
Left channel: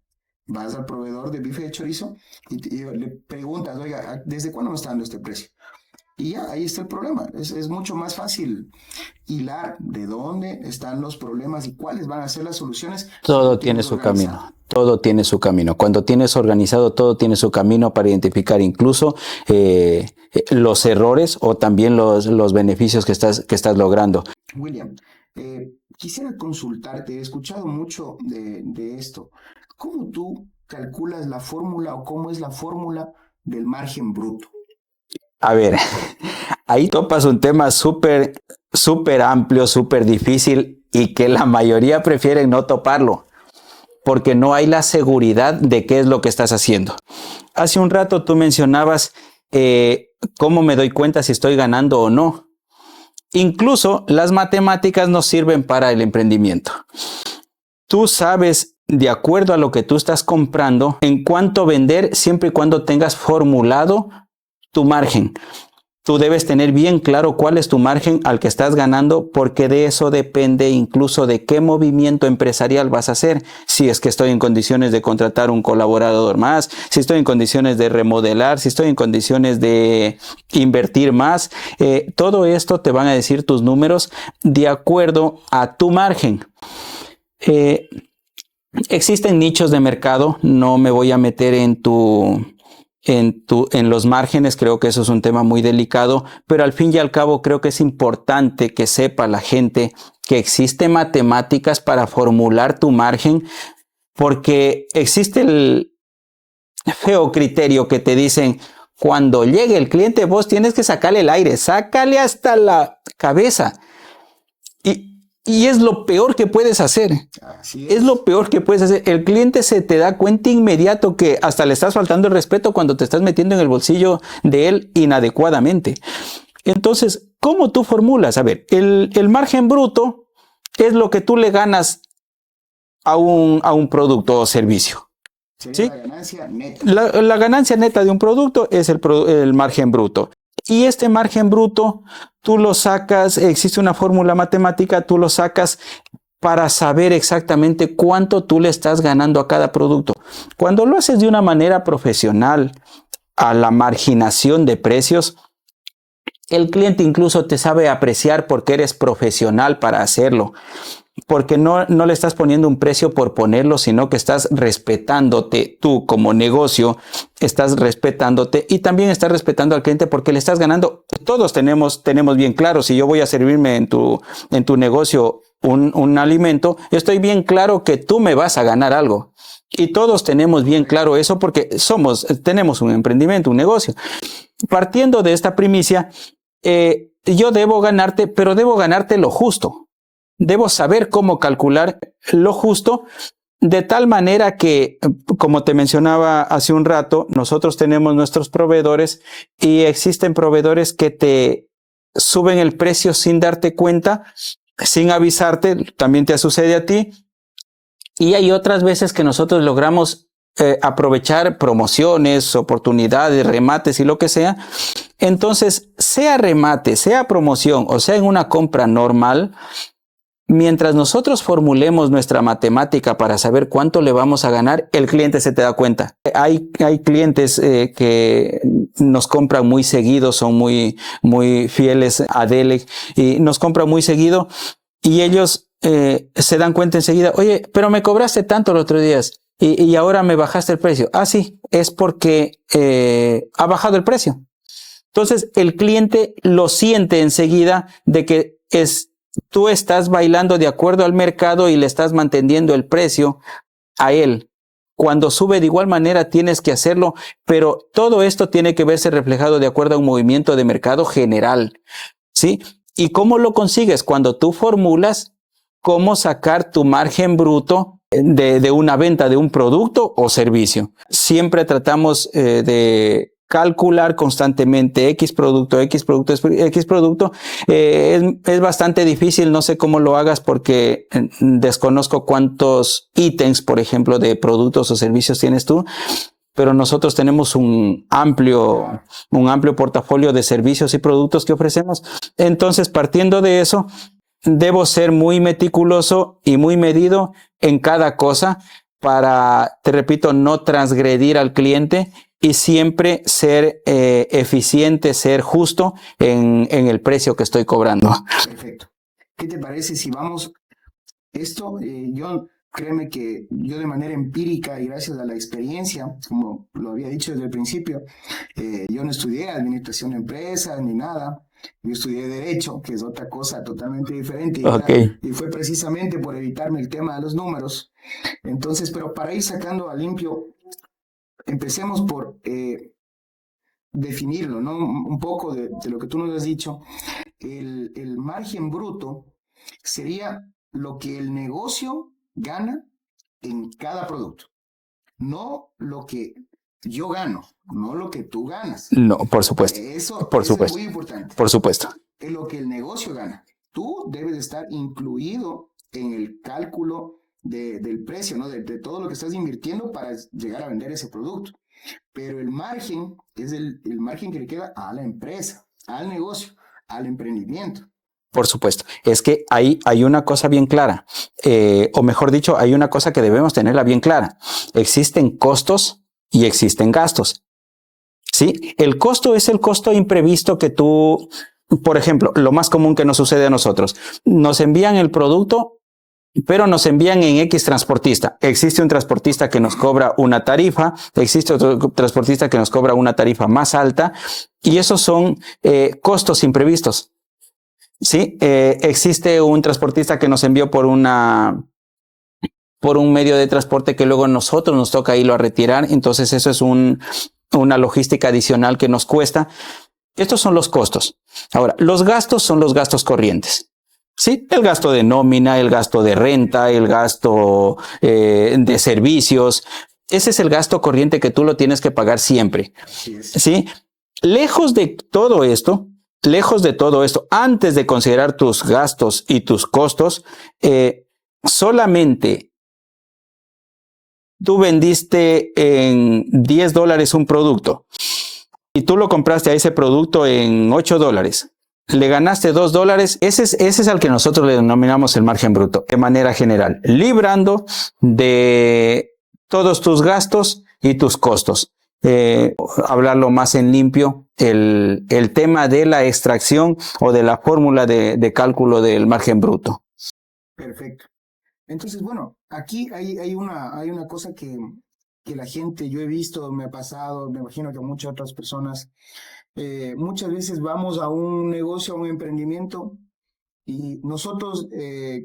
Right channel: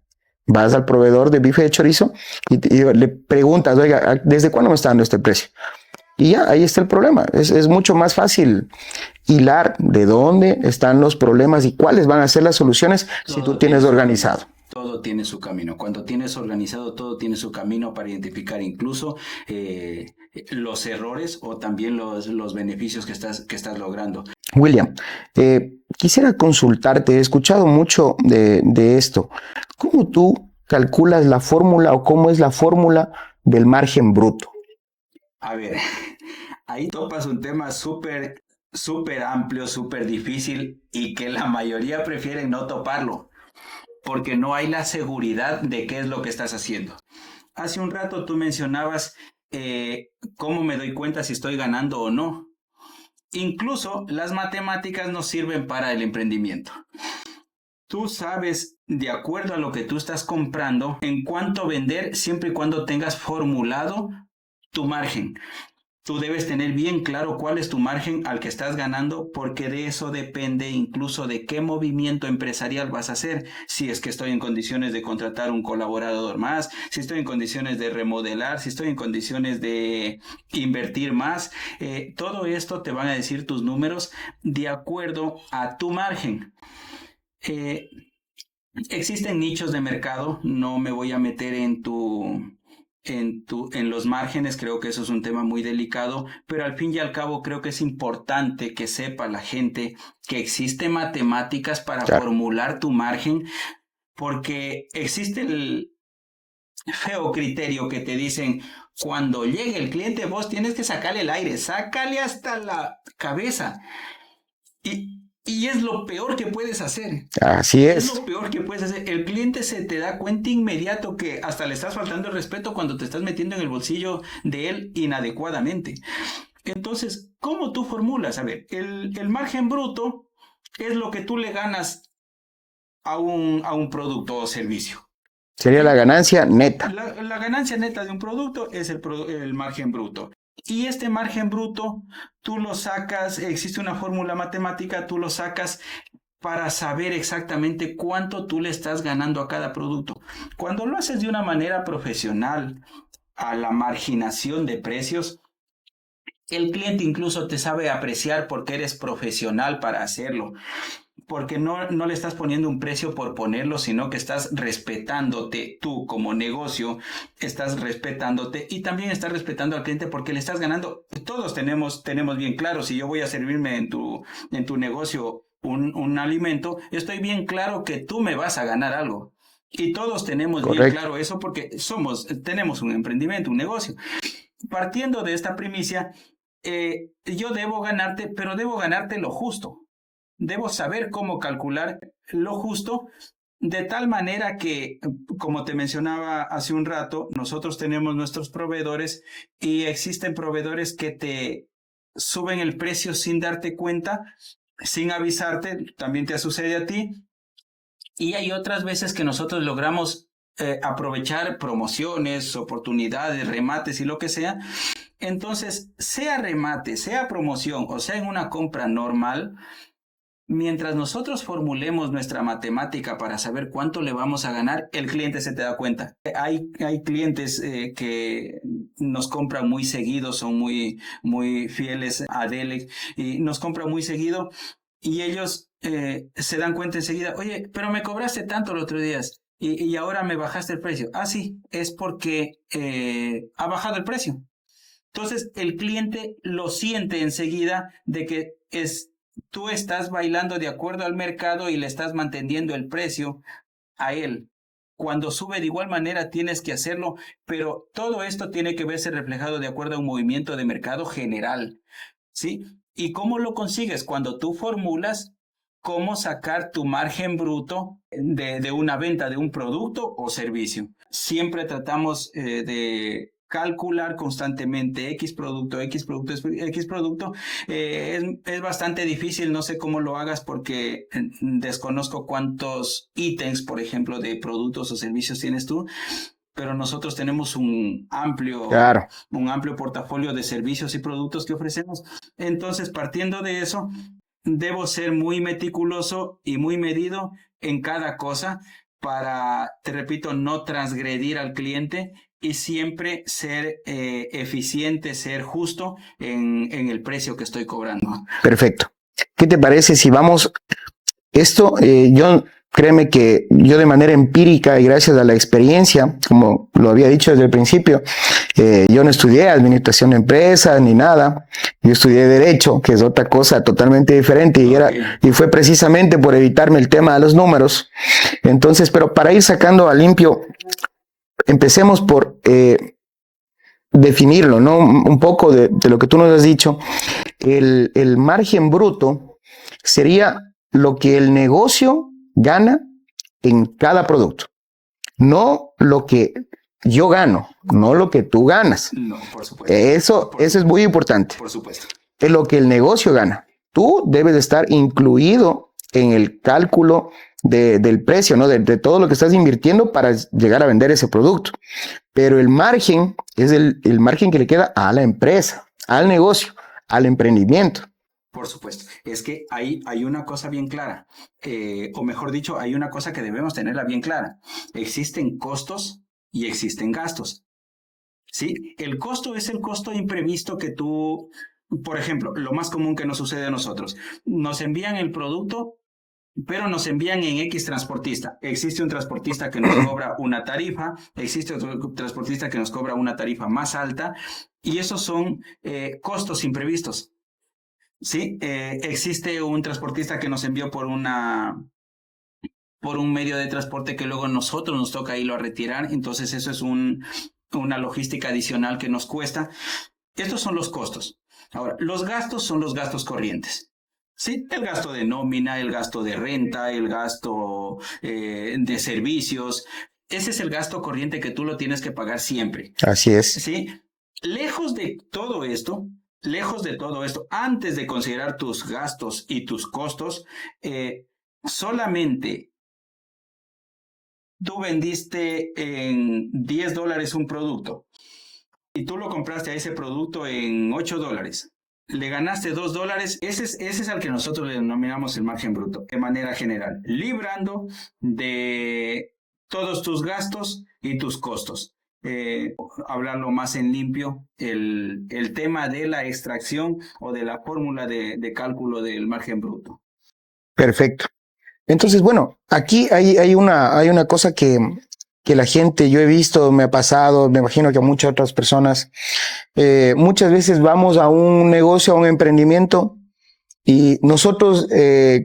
vas al proveedor de bife de chorizo y le preguntas, oiga, ¿desde cuándo me está dando este precio? Y ya, ahí está el problema. Es mucho más fácil hilar de dónde están los problemas y cuáles van a ser las soluciones si tú tienes organizado. Todo tiene su camino. Cuando tienes organizado, todo tiene su camino para identificar incluso los errores o también los beneficios que estás logrando. William, quisiera consultarte. He escuchado mucho de esto. ¿Cómo tú calculas la fórmula o cómo es la fórmula del margen bruto? A ver, ahí topas un tema súper súper amplio, súper difícil y que la mayoría prefieren no toparlo porque no hay la seguridad de qué es lo que estás haciendo. Hace un rato tú mencionabas cómo me doy cuenta si estoy ganando o no. Incluso las matemáticas nos sirven para el emprendimiento. Tú sabes, de acuerdo a lo que tú estás comprando, en cuánto vender siempre y cuando tengas formulado tu margen. Tú debes tener bien claro cuál es tu margen al que estás ganando, porque de eso depende incluso de qué movimiento empresarial vas a hacer. Si es que estoy en condiciones de contratar un colaborador más, si estoy en condiciones de remodelar, si estoy en condiciones de invertir más. Todo esto te van a decir tus números de acuerdo a tu margen. Existen nichos de mercado, no me voy a meter en los márgenes, creo que eso es un tema muy delicado, pero al fin y al cabo creo que es importante que sepa la gente que existe matemáticas para formular tu margen, porque existe el feo criterio que te dicen, cuando llegue el cliente vos tienes que sacarle el aire, sácale hasta la cabeza. Y es lo peor que puedes hacer. Así es. Es lo peor que puedes hacer. El cliente se te da cuenta inmediato que hasta le estás faltando el respeto cuando te estás metiendo en el bolsillo de él inadecuadamente. Entonces, ¿cómo tú formulas? A ver, el margen bruto es lo que tú le ganas a un producto o servicio. Sería, ¿sí?, la ganancia neta. La ganancia neta de un producto es el margen bruto. Y este margen bruto, tú lo sacas, existe una fórmula matemática, tú lo sacas para saber exactamente cuánto tú le estás ganando a cada producto. Cuando lo haces de una manera profesional, a la marginación de precios, el cliente incluso te sabe apreciar porque eres profesional para hacerlo. Porque no le estás poniendo un precio por ponerlo, sino que estás respetándote tú como negocio, estás respetándote y también estás respetando al cliente porque le estás ganando. Todos tenemos bien claro, si yo voy a servirme en tu negocio un alimento, estoy bien claro que tú me vas a ganar algo. Y todos tenemos bien claro eso porque tenemos un emprendimiento, un negocio. Partiendo de esta primicia, yo debo ganarte, pero debo ganarte lo justo. Debo saber cómo calcular lo justo de tal manera que, como te mencionaba hace un rato, nosotros tenemos nuestros proveedores y existen proveedores que te suben el precio sin darte cuenta, sin avisarte, también te sucede a ti. Y hay otras veces que nosotros logramos aprovechar promociones, oportunidades, remates y lo que sea. Entonces, sea remate, sea promoción o sea en una compra normal, mientras nosotros formulemos nuestra matemática para saber cuánto le vamos a ganar, el cliente se te da cuenta. Hay clientes que nos compran muy seguido, son muy fieles a Delec y nos compran muy seguido y ellos se dan cuenta enseguida, oye, pero me cobraste tanto los otros días y ahora me bajaste el precio. Ah, sí, es porque ha bajado el precio. Entonces el cliente lo siente enseguida de que tú estás bailando de acuerdo al mercado y le estás manteniendo el precio a él. Cuando sube de igual manera tienes que hacerlo, pero todo esto tiene que verse reflejado de acuerdo a un movimiento de mercado general, ¿sí? ¿Y cómo lo consigues? Cuando tú formulas cómo sacar tu margen bruto de una venta de un producto o servicio. Siempre tratamos de calcular constantemente X producto. Es bastante difícil, no sé cómo lo hagas porque desconozco cuántos ítems, por ejemplo, de productos o servicios tienes tú, pero nosotros tenemos un amplio portafolio de servicios y productos que ofrecemos. Entonces, partiendo de eso, debo ser muy meticuloso y muy medido en cada cosa para, te repito, no transgredir al cliente y siempre ser eficiente, ser justo en el precio que estoy cobrando. Perfecto. ¿Qué te parece si vamos? Créeme que yo de manera empírica y gracias a la experiencia, como lo había dicho desde el principio, yo no estudié administración de empresas ni nada, yo estudié derecho, que es otra cosa totalmente diferente y fue precisamente por evitarme el tema de los números. Entonces, pero para ir sacando a limpio, empecemos por definirlo, ¿no? Un poco de lo que tú nos has dicho. El margen bruto sería lo que el negocio gana en cada producto, no lo que yo gano, no lo que tú ganas. No, por supuesto. Eso es muy importante. Por supuesto. Es lo que el negocio gana. Tú debes de estar incluido en el cálculo del precio, ¿no? De todo lo que estás invirtiendo para llegar a vender ese producto. Pero el margen es el margen que le queda a la empresa, al negocio, al emprendimiento. Por supuesto. Es que hay una cosa bien clara, o mejor dicho, hay una cosa que debemos tenerla bien clara. Existen costos y existen gastos. ¿Sí? El costo es el costo imprevisto que tú, por ejemplo, lo más común que nos sucede a nosotros, nos envían el producto, pero nos envían en X transportista. Existe un transportista que nos cobra una tarifa, existe otro transportista que nos cobra una tarifa más alta, y esos son costos imprevistos. Sí, existe un transportista que nos envió por un medio de transporte que luego nosotros nos toca irlo a retirar, entonces eso es una logística adicional que nos cuesta. Estos son los costos. Ahora, los gastos son los gastos corrientes. Sí, el gasto de nómina, el gasto de renta, el gasto de servicios. Ese es el gasto corriente que tú lo tienes que pagar siempre. Así es. Sí, lejos de todo esto, antes de considerar tus gastos y tus costos, solamente tú vendiste en $10 un producto y tú lo compraste a ese producto en $8. Le ganaste $2, ese es al que nosotros le denominamos el margen bruto, de manera general, librando de todos tus gastos y tus costos. Hablarlo más en limpio, el tema de la extracción o de la fórmula de cálculo del margen bruto. Perfecto. Entonces, bueno, aquí hay una cosa que la gente, yo he visto, me ha pasado, me imagino que a muchas otras personas, muchas veces vamos a un negocio, a un emprendimiento, y nosotros,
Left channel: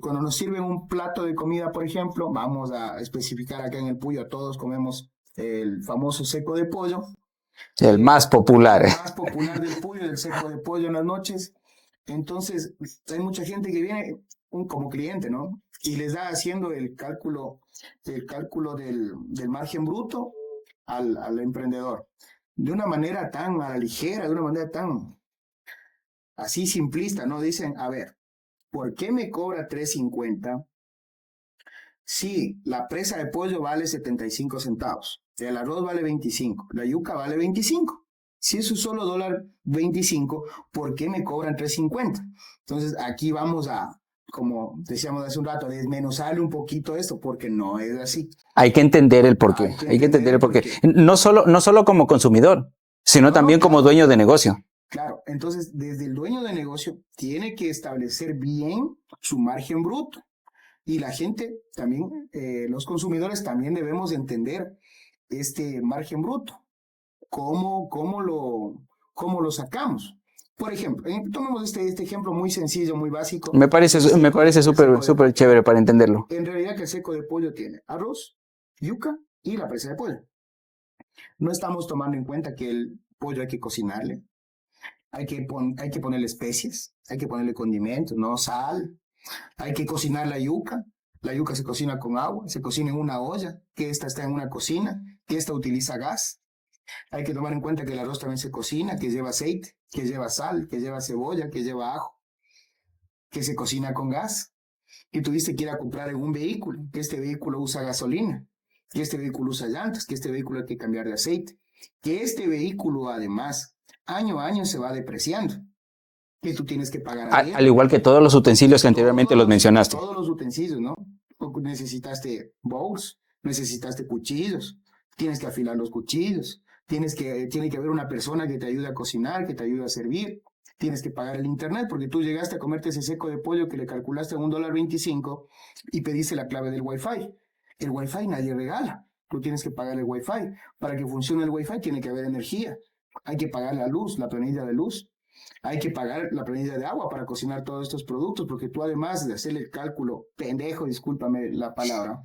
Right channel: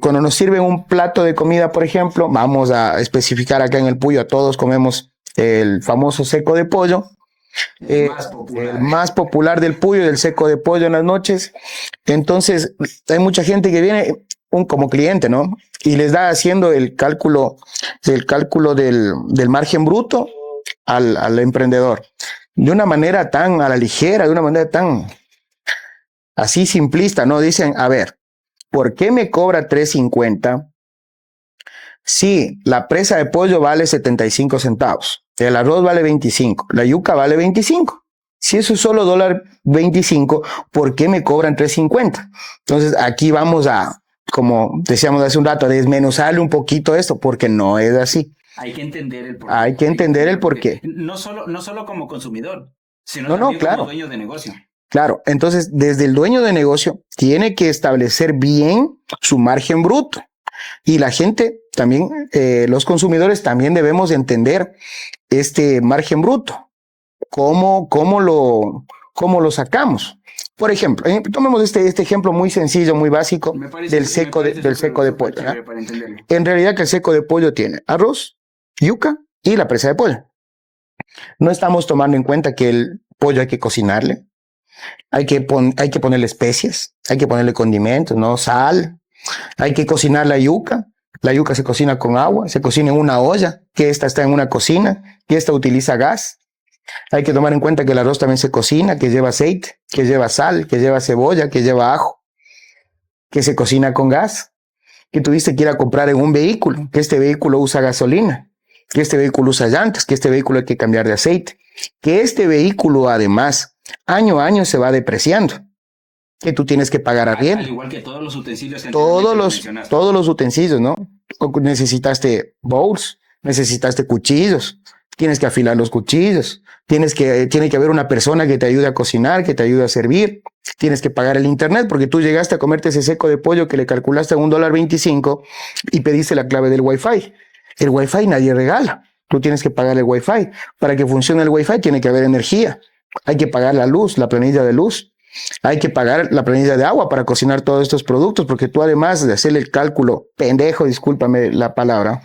cuando nos sirven un plato de comida, por ejemplo, vamos a especificar acá en el Puyo, a todos comemos el famoso seco de pollo. El más popular. El más popular del Puyo, del seco de pollo en las noches. Entonces, hay mucha gente que viene como cliente, ¿no? Y les da haciendo el cálculo del margen bruto al emprendedor. De una manera tan a la ligera, de una manera tan así simplista, ¿no? Dicen, a ver, ¿por qué me cobra $3.50 si la presa de pollo vale 75 centavos? El arroz vale 25, la yuca vale 25. Si eso es solo $1.25, ¿por qué me cobran $3.50? Entonces aquí vamos a, como decíamos hace un rato, a desmenuzarle un poquito esto, porque no es así. Hay que entender el porqué. Hay que entender el porqué. No solo como consumidor, sino también claro, como dueño de negocio. Claro, entonces desde el dueño de negocio tiene que establecer bien su margen bruto. Y la gente también, los consumidores también debemos entender este margen bruto. ¿Cómo lo sacamos? Por ejemplo, tomemos este ejemplo muy sencillo, muy básico. Me parece súper chévere, ¿verdad? Para entenderlo. En realidad que el seco de pollo tiene arroz, yuca y la presa de pollo. No estamos tomando en cuenta que el pollo hay que cocinarle, hay que ponerle especias, hay que ponerle condimentos, ¿no? Sal, hay que cocinar la yuca. La yuca se cocina con agua, se cocina en una olla, que esta está en una cocina, que esta utiliza gas. Hay que tomar en cuenta que el arroz también se cocina, que lleva aceite, que lleva sal, que lleva cebolla, que lleva ajo, que se cocina con gas, que tuviste que ir a comprar en un vehículo, que este vehículo usa gasolina, que este vehículo usa llantas, que este vehículo hay que cambiar de aceite, que este vehículo además año a año se va depreciando, que tú tienes que pagar arriendo. Al igual que todos los utensilios que anteriormente los mencionaste. Todos los utensilios, ¿no? Necesitaste bowls, necesitaste cuchillos, tienes que afilar los cuchillos, tiene que haber una persona que te ayude a cocinar, que te ayude a servir, tienes que pagar el internet porque tú llegaste a comerte ese seco de pollo que le calculaste a $1.25 y pediste la clave del Wi-Fi. El Wi-Fi nadie regala, tú tienes que pagar el Wi-Fi. Para que funcione el Wi-Fi tiene que haber energía, hay que pagar la luz, la planilla de luz. Hay que pagar la planilla de agua para cocinar todos estos productos, porque tú además de hacer el cálculo, pendejo, discúlpame la palabra,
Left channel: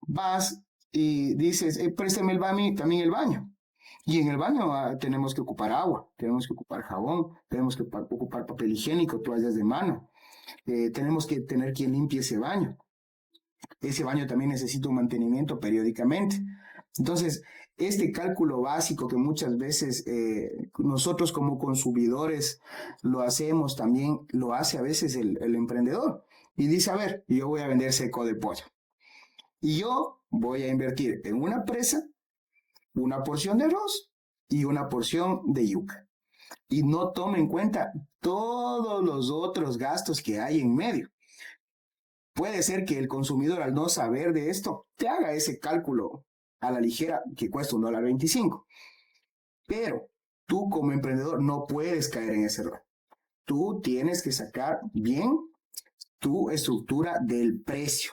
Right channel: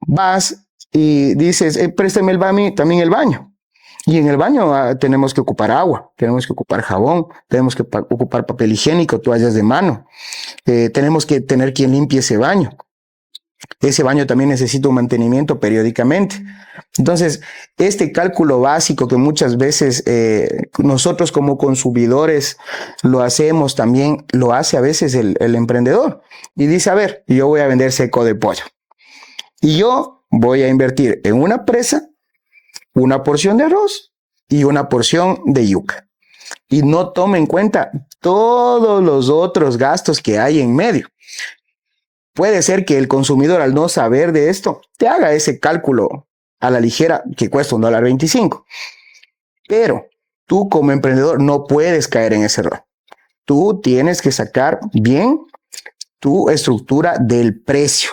vas y dices, préstame también el baño. Y en el baño tenemos que ocupar agua, tenemos que ocupar jabón, tenemos que ocupar papel higiénico, toallas de mano. Tenemos que tener quien limpie ese baño. Ese baño también necesita un mantenimiento periódicamente. Entonces, este cálculo básico que muchas veces nosotros como consumidores lo hacemos, también lo hace a veces el emprendedor. Y dice, a ver, yo voy a vender seco de pollo. Y yo voy a invertir en una presa, una porción de arroz y una porción de yuca. Y no tome en cuenta todos los otros gastos que hay en medio. Puede ser que el consumidor, al no saber de esto, te haga ese cálculo a la ligera que cuesta $1.25. Pero tú como emprendedor no puedes caer en ese error. Tú tienes que sacar bien tu estructura del precio.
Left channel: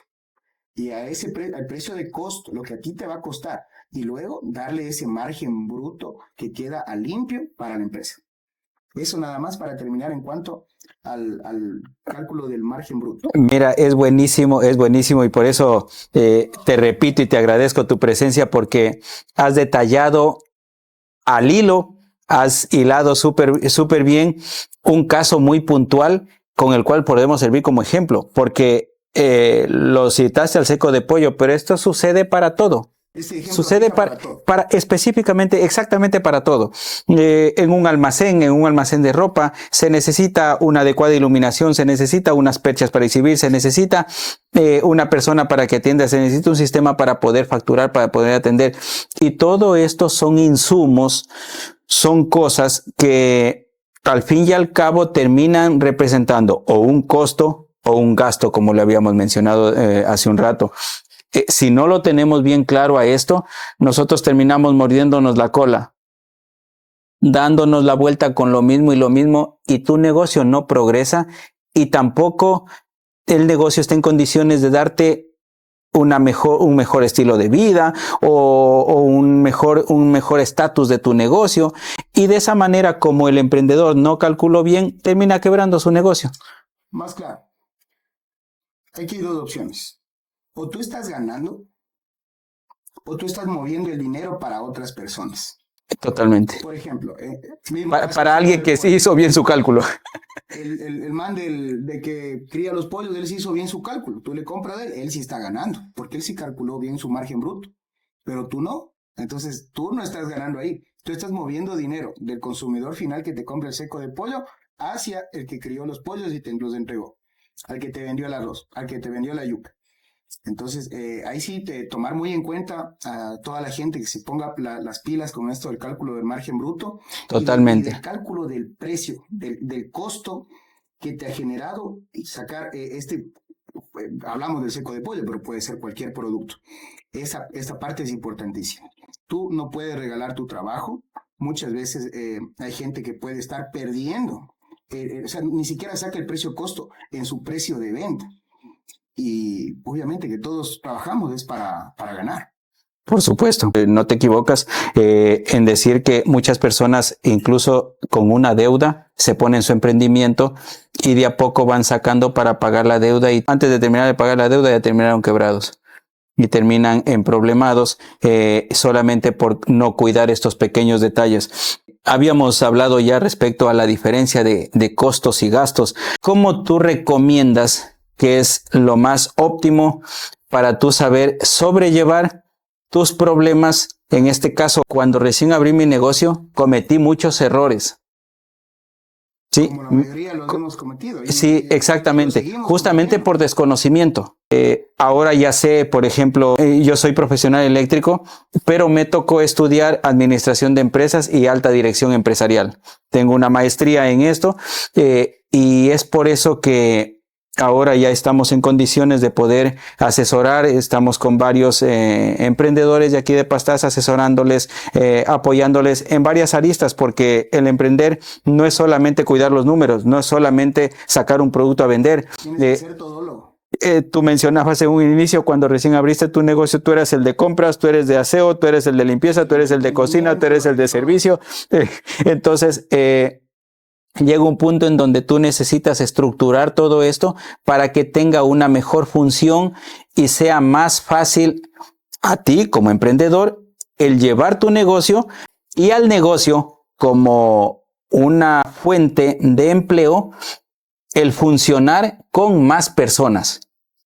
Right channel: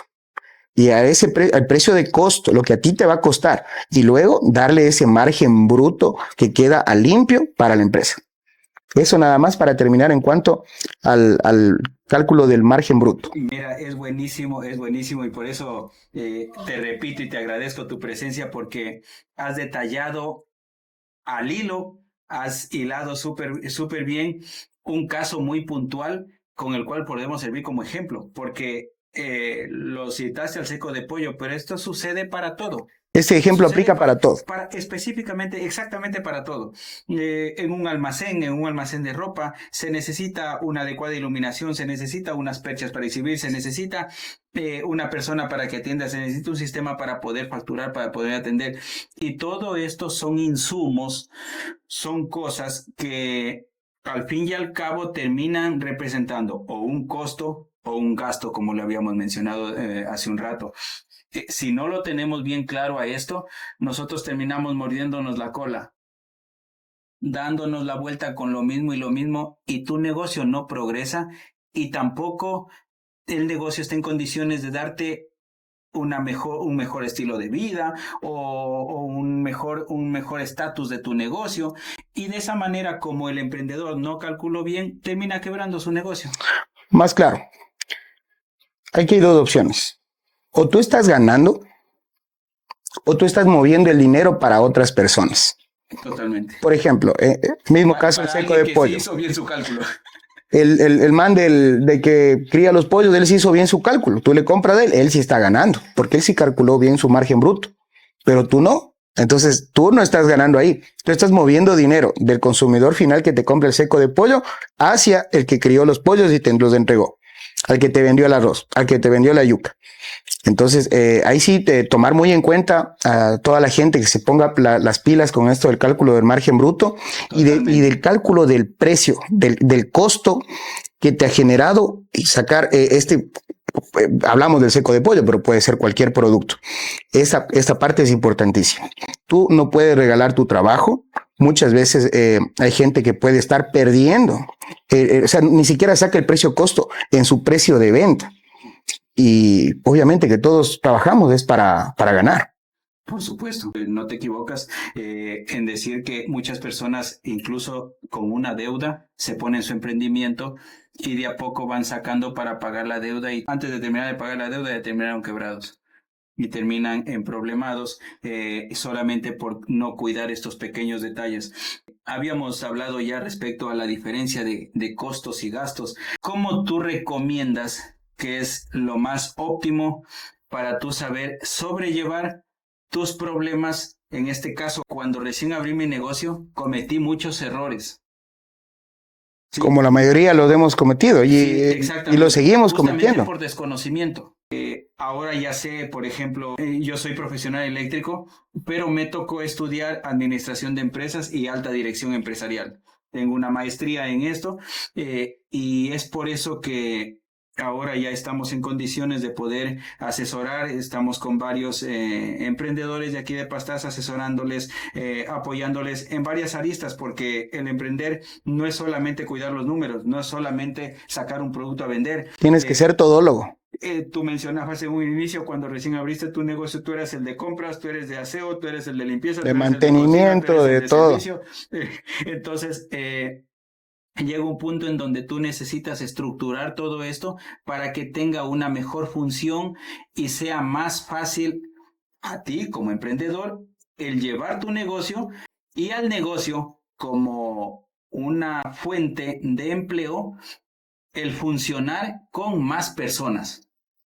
Y a ese al precio de costo, lo que a ti te va a costar, y luego darle ese margen bruto que queda a limpio para la empresa. Eso nada más para terminar en cuanto al cálculo del margen bruto. Mira, es buenísimo y por eso te repito y te agradezco tu presencia porque has detallado al hilo, has hilado súper bien un caso muy puntual con el cual podemos servir como ejemplo, porque lo citaste al seco de pollo, pero esto sucede para todo. Este ejemplo aplica para todo. Específicamente, exactamente para todo. En un almacén de ropa, se necesita una adecuada iluminación, se necesita unas perchas para exhibir, se necesita una persona para que atienda, se necesita un sistema para poder facturar, para poder atender. Y todo esto son insumos, son cosas que al fin y al cabo terminan representando o un costo o un gasto, como le habíamos mencionado hace un rato. Si no lo tenemos bien claro a esto, nosotros terminamos mordiéndonos la cola, dándonos la vuelta con lo mismo, y tu negocio no progresa y tampoco el negocio está en condiciones de darte un mejor estilo de vida o un mejor estatus de tu negocio, y de esa manera, como el emprendedor no calculó bien, termina quebrando su negocio. Más claro, hay que ir dos opciones. O tú estás ganando o tú estás moviendo el dinero para otras personas. Totalmente. Por ejemplo, mismo caso para alguien que sí hizo bien su cálculo. El man de que cría los pollos, él sí hizo bien su cálculo. Tú le compras de él sí está ganando, porque él sí calculó bien su margen bruto, pero tú no. Entonces, tú no estás ganando ahí. Tú estás moviendo dinero del consumidor final que te compra el seco de pollo hacia el que crió los pollos y te los entregó, al que te vendió el arroz, al que te vendió la yuca. Entonces, ahí sí tomar muy en cuenta a toda la gente que se ponga las pilas con esto del cálculo del margen bruto y del cálculo del precio, del costo que te ha generado y sacar hablamos del seco de pollo, pero puede ser cualquier producto. Esta parte es importantísima. Tú no puedes regalar tu trabajo. Muchas veces hay gente que puede estar perdiendo, o sea, ni siquiera saca el precio costo en su precio de venta. Y obviamente que todos trabajamos es para ganar. Por supuesto, no te equivocas en decir que muchas personas, incluso con una deuda, se ponen su emprendimiento y de a poco van sacando para pagar la deuda, y antes de terminar de pagar la deuda ya terminaron quebrados y terminan emproblemados solamente por no cuidar estos pequeños detalles. Habíamos hablado ya respecto a la diferencia de costos y gastos. ¿Cómo tú recomiendas que es lo más óptimo para tú saber sobrellevar tus problemas? En este caso, cuando recién abrí mi negocio, cometí muchos errores. ¿Sí? Como la mayoría los hemos cometido. Sí, exactamente. Y lo seguimos justamente cometiendo. por desconocimiento. Ahora ya sé, por ejemplo, yo soy profesional eléctrico, pero me tocó estudiar administración de empresas y alta dirección empresarial. Tengo una maestría en esto y es por eso que ahora ya estamos en condiciones de poder asesorar. Estamos con varios emprendedores de aquí de Pastaza, asesorándoles, apoyándoles en varias aristas, porque el emprender no es solamente cuidar los números, no es solamente sacar un producto a vender. Tienes que ser todólogo. Tú mencionabas en un inicio, cuando recién abriste tu negocio, tú eres el de compras, tú eres de aseo, tú eres el de limpieza, tú eres el de cocina, tú eres el de servicio. Entonces, llega un punto en donde tú necesitas estructurar todo esto para que tenga una mejor función y sea más fácil a ti como emprendedor el llevar tu negocio y al negocio como una fuente de empleo, el funcionar con más personas.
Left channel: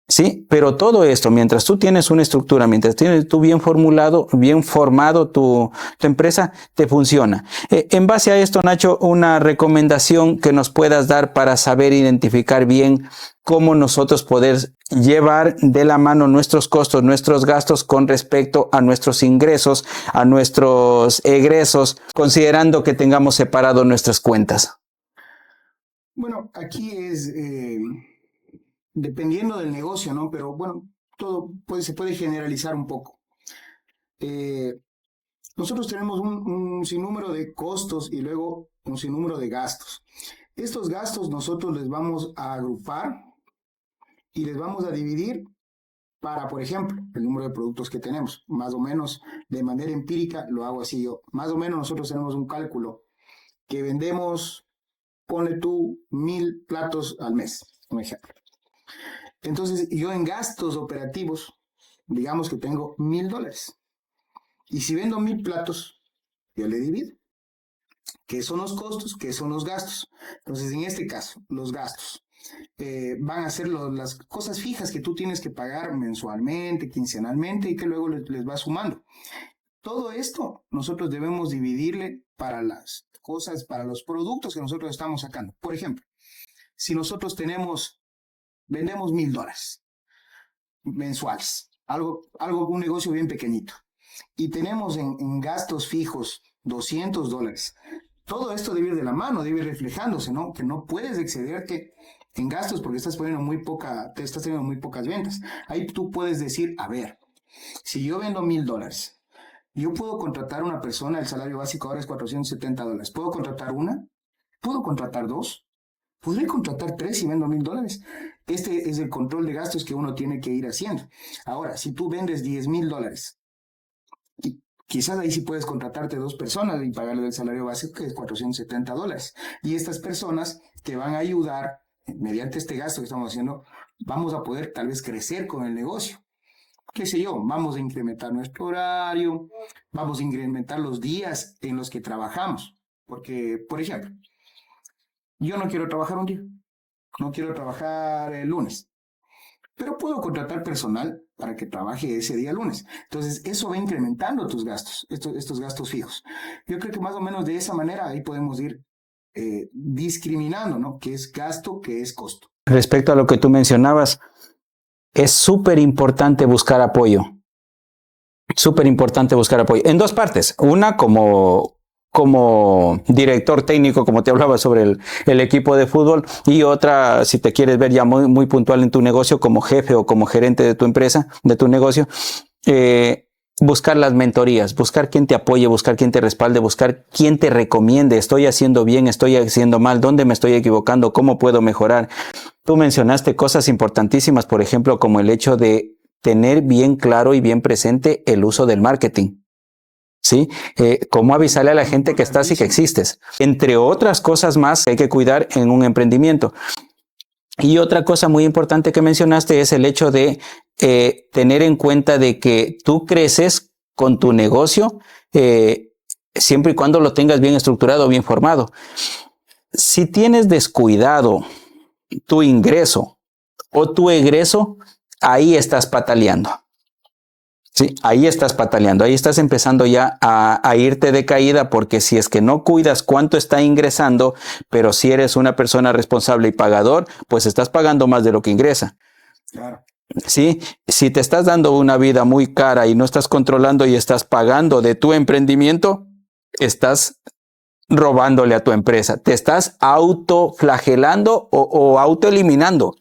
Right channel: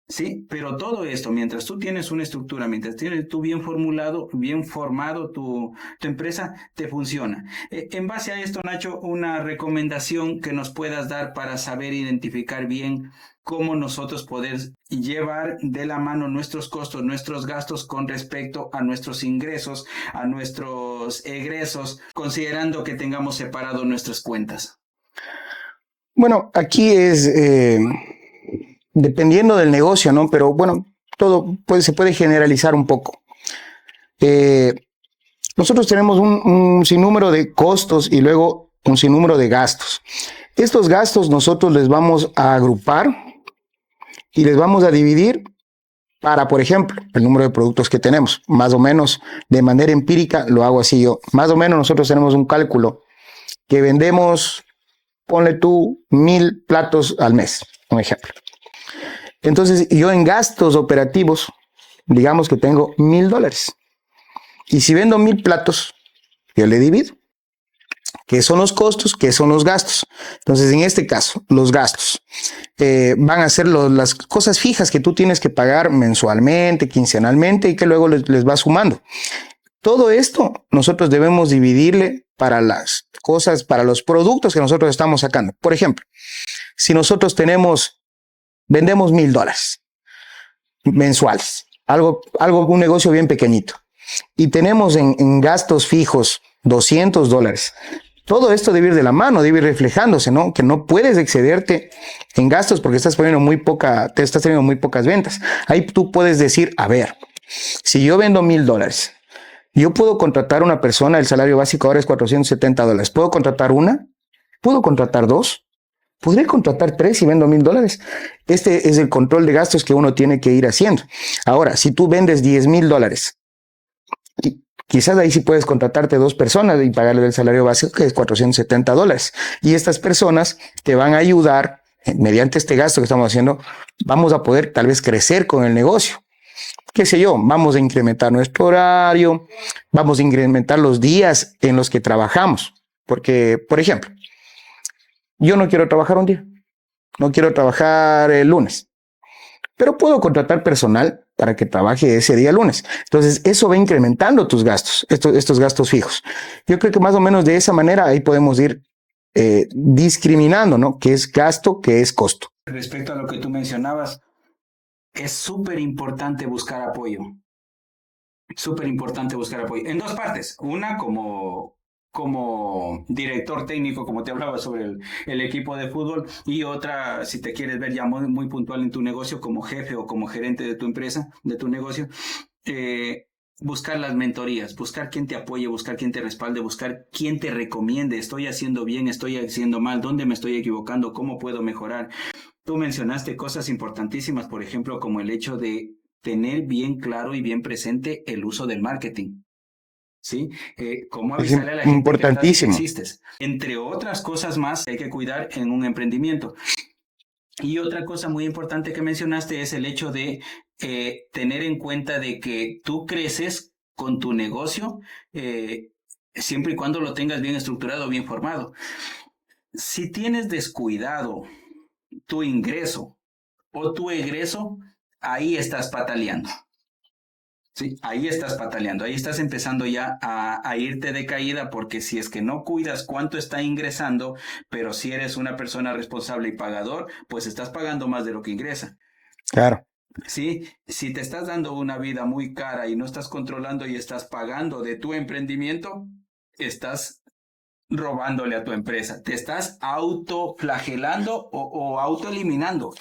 Sí, pero todo esto, mientras tú tienes una estructura, mientras tienes tú bien formulado, bien formado tu empresa, te funciona. En base a esto, Nacho, una recomendación que nos puedas dar para saber identificar bien cómo nosotros poder llevar de la mano nuestros costos, nuestros gastos con respecto a nuestros ingresos, a nuestros egresos, considerando que tengamos separado nuestras cuentas. Bueno, aquí es dependiendo del negocio, ¿no? Pero bueno, todo se puede generalizar un poco. Nosotros tenemos un sinnúmero de costos y luego un sinnúmero de gastos. Estos gastos nosotros les vamos a agrupar y les vamos a dividir para, por ejemplo, el número de productos que tenemos. Más o menos, de manera empírica, lo hago así yo. Más o menos nosotros tenemos un cálculo que vendemos, ponle tú, 1,000 platos al mes, un ejemplo. Entonces, yo en gastos operativos, digamos que tengo $1,000. Y si vendo 1,000 platos, yo le divido. ¿Qué son los costos? ¿Qué son los gastos? Entonces, en este caso, los gastos van a ser las cosas fijas que tú tienes que pagar mensualmente, quincenalmente y que luego les vas sumando. Todo esto nosotros debemos dividirle para las cosas, para los productos que nosotros estamos sacando. Por ejemplo, si nosotros vendemos $1,000 mensuales, un negocio bien pequeñito, y tenemos en gastos fijos $200. Todo esto debe ir de la mano, debe ir reflejándose, ¿no? Que no puedes excederte en gastos porque estás teniendo muy pocas ventas. Ahí tú puedes decir, a ver, si yo vendo $1,000, yo puedo contratar una persona, el salario básico ahora es $470. ¿Puedo contratar una? ¿Puedo contratar dos? ¿Podré contratar 3 si vendo $1,000? Este es el control de gastos que uno tiene que ir haciendo. Ahora, si tú vendes $10,000, quizás ahí sí puedes contratarte 2 personas y pagarle el salario básico, que es $470. Y estas personas te van a ayudar, mediante este gasto que estamos haciendo, vamos a poder tal vez crecer con el negocio. Qué sé yo, vamos a incrementar nuestro horario, vamos a incrementar los días en los que trabajamos. Porque, por ejemplo, yo no quiero trabajar un día, no quiero trabajar el lunes, pero puedo contratar personal para que trabaje ese día lunes. Entonces, eso va incrementando tus gastos, estos gastos fijos. Yo creo que más o menos de esa manera ahí podemos ir discriminando, ¿no? ¿Qué es gasto, qué es costo? Respecto a lo que tú mencionabas, es súper importante buscar apoyo. Súper importante buscar apoyo. En dos partes. Una, como director técnico, como te hablaba sobre el equipo de fútbol, y otra, si te quieres ver ya muy, muy puntual en tu negocio, como jefe o como gerente de tu empresa, de tu negocio, buscar las mentorías, buscar quien te apoye, buscar quien te respalde, buscar quien te recomiende, estoy haciendo bien, estoy haciendo mal, dónde me estoy equivocando, cómo puedo mejorar. Tú mencionaste cosas importantísimas, por ejemplo, como el hecho de tener bien claro y bien presente el uso del marketing. ¿Sí? Cómo avisarle a la gente que estás y que existes. Entre otras cosas más que hay que cuidar en un emprendimiento. Y otra cosa muy importante que mencionaste es el hecho de tener en cuenta de que tú creces con tu negocio siempre y cuando lo tengas bien estructurado, bien formado. Si tienes descuidado tu ingreso o tu egreso, ahí estás pataleando. Sí, ahí estás pataleando, ahí estás empezando ya a irte de caída, porque si es que no cuidas cuánto está ingresando, pero si eres una persona responsable y pagador, pues estás pagando más de lo que ingresa. Claro. Sí, si te estás dando una vida muy cara y no estás controlando y estás pagando de tu emprendimiento, estás robándole a tu empresa, te estás autoflagelando o autoeliminando,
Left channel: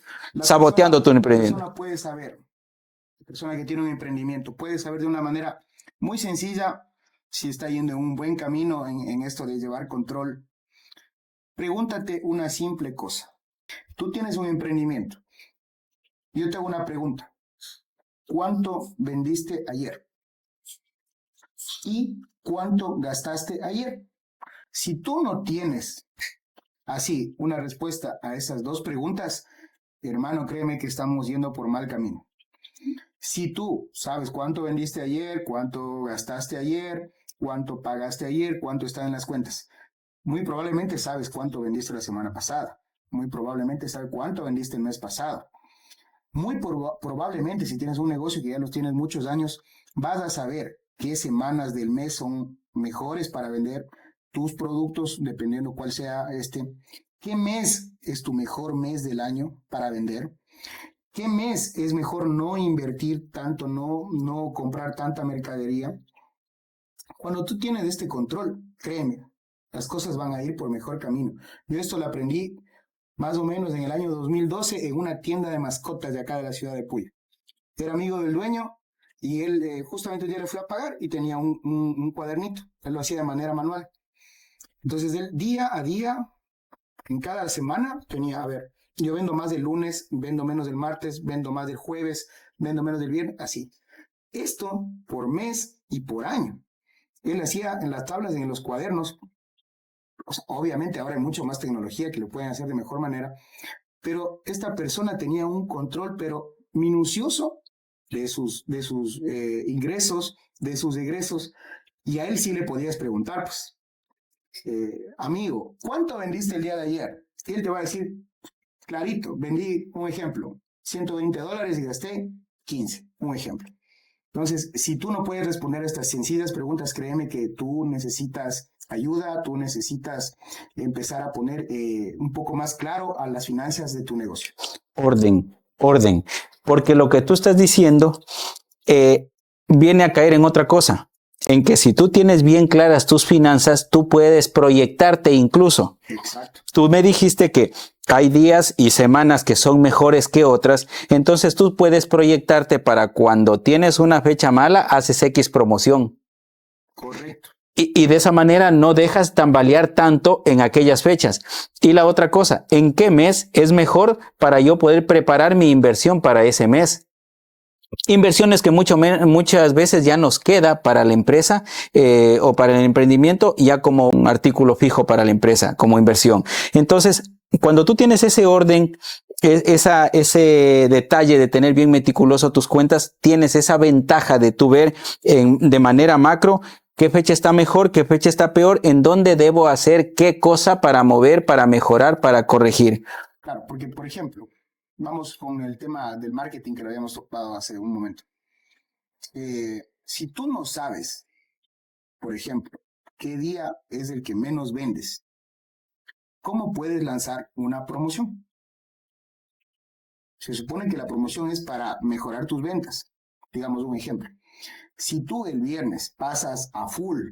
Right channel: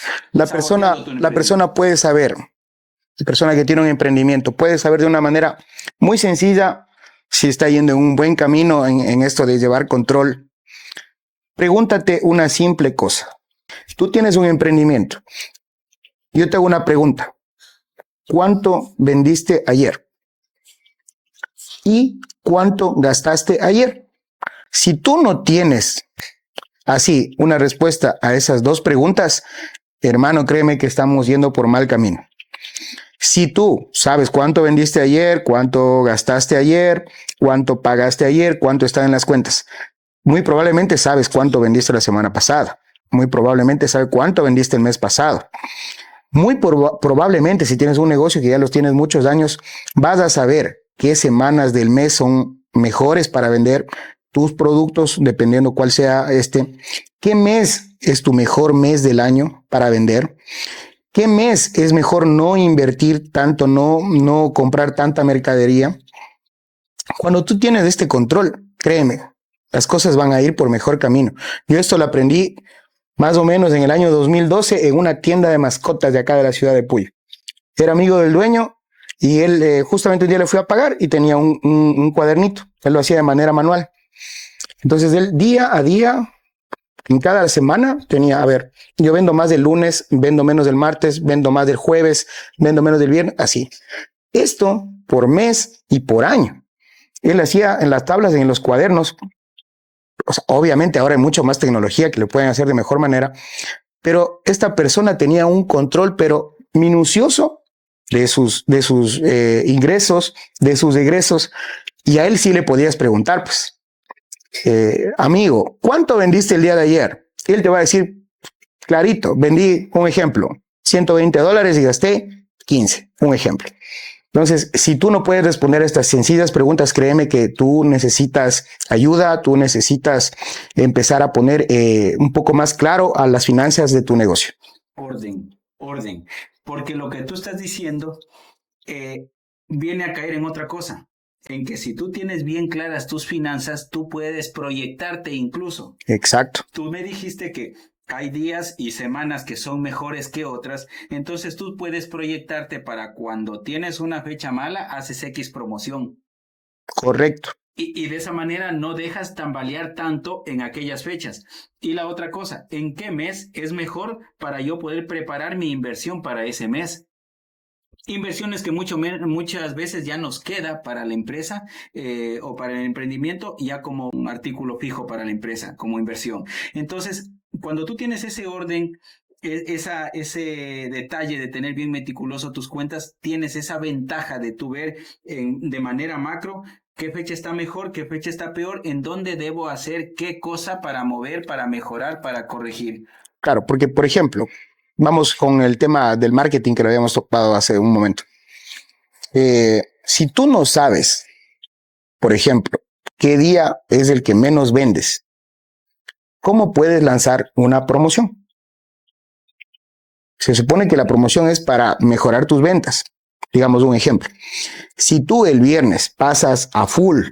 saboteando tu emprendimiento. La persona puede saber. La persona que tiene un emprendimiento puede saber de una manera muy sencilla si está yendo en un buen camino en esto de llevar control. Pregúntate una simple cosa. Tú tienes un emprendimiento. Yo te hago una pregunta. ¿Cuánto vendiste ayer? ¿Y cuánto gastaste ayer? Si tú no tienes así una respuesta a esas dos preguntas, hermano, créeme que estamos yendo por mal camino. Si tú sabes cuánto vendiste ayer, cuánto gastaste ayer, cuánto pagaste ayer, cuánto está en las cuentas. Muy probablemente sabes cuánto vendiste la semana pasada. Muy probablemente sabes cuánto vendiste el mes pasado. Muy probablemente, si tienes un negocio que ya los tienes muchos años, vas a saber qué semanas del mes son mejores para vender tus productos, dependiendo cuál sea qué mes es tu mejor mes del año para vender, qué mes es mejor no invertir tanto, no comprar tanta mercadería. Cuando tú tienes este control, créeme, las cosas van a ir por mejor camino. Yo esto lo aprendí más o menos en el año 2012 en una tienda de mascotas de acá de la ciudad de Puyo. Era amigo del dueño y él justamente un día le fui a pagar y tenía un cuadernito. Él lo hacía de manera manual. Entonces él día a día, en cada semana tenía, a ver, yo vendo más del lunes, vendo menos del martes, vendo más del jueves, vendo menos del viernes, así. Esto por mes y por año. Él hacía en las tablas, en los cuadernos. O sea, obviamente ahora hay mucho más tecnología que lo pueden hacer de mejor manera, pero esta persona tenía un control, pero minucioso de sus ingresos, de sus egresos, y a él sí le podías preguntar, pues, amigo, ¿cuánto vendiste el día de ayer? Y él te va a decir, clarito, vendí, un ejemplo, $120 y gasté 15, un ejemplo. Entonces, si tú no puedes responder a estas sencillas preguntas, créeme que tú necesitas ayuda, tú necesitas empezar a poner un poco más claro a las finanzas de tu negocio. Orden. Porque lo que tú estás diciendo viene a caer en otra cosa, en que si tú tienes bien claras tus finanzas, tú puedes proyectarte incluso. Exacto. Tú me dijiste que hay días y semanas que son mejores que otras, entonces tú puedes proyectarte para cuando tienes una fecha mala, haces X promoción. Correcto. Y de esa manera no dejas tambalear tanto en aquellas fechas. Y la otra cosa, ¿en qué mes es mejor para yo poder preparar mi inversión para ese mes? Inversiones que muchas veces ya nos queda para la empresa o para el emprendimiento ya como un artículo fijo para la empresa, como inversión. Entonces, cuando tú tienes ese orden, ese detalle de tener bien meticuloso tus cuentas, tienes esa ventaja de tú ver de manera macro qué fecha está mejor, qué fecha está peor, en dónde debo hacer qué cosa para mover, para mejorar, para corregir. Claro, porque, por ejemplo, vamos con el tema del marketing que lo habíamos tocado hace un momento. Si tú no sabes, por ejemplo, qué día es el que menos vendes, ¿cómo puedes lanzar una promoción? Se supone que la promoción es para mejorar tus ventas. Digamos un ejemplo. Si tú el viernes pasas a full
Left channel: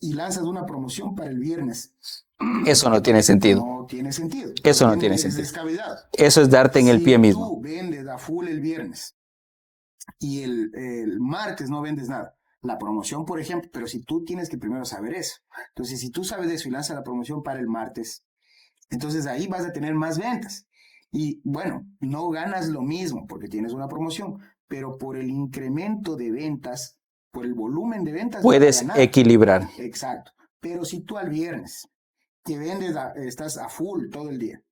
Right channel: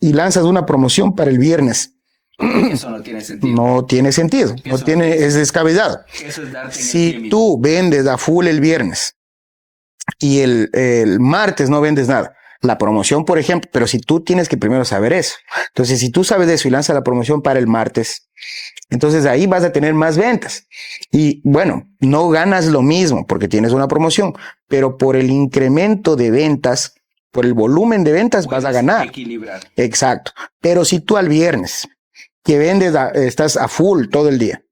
y lanzas una promoción para el viernes, eso no tiene sentido. No tiene sentido. Es descabellado. Eso es darte en el pie mismo. Si tú vendes a full el viernes y el martes no vendes nada, la promoción, por ejemplo, pero si tú tienes que primero saber eso. Entonces, si tú sabes de eso y lanzas la promoción para el martes, entonces ahí vas a tener más ventas. Y bueno, no ganas lo mismo porque tienes una promoción, pero por el incremento de ventas, por el volumen de ventas, puedes vas a ganar. Equilibrar. Exacto. Pero si tú al viernes que vendes, estás a full todo el día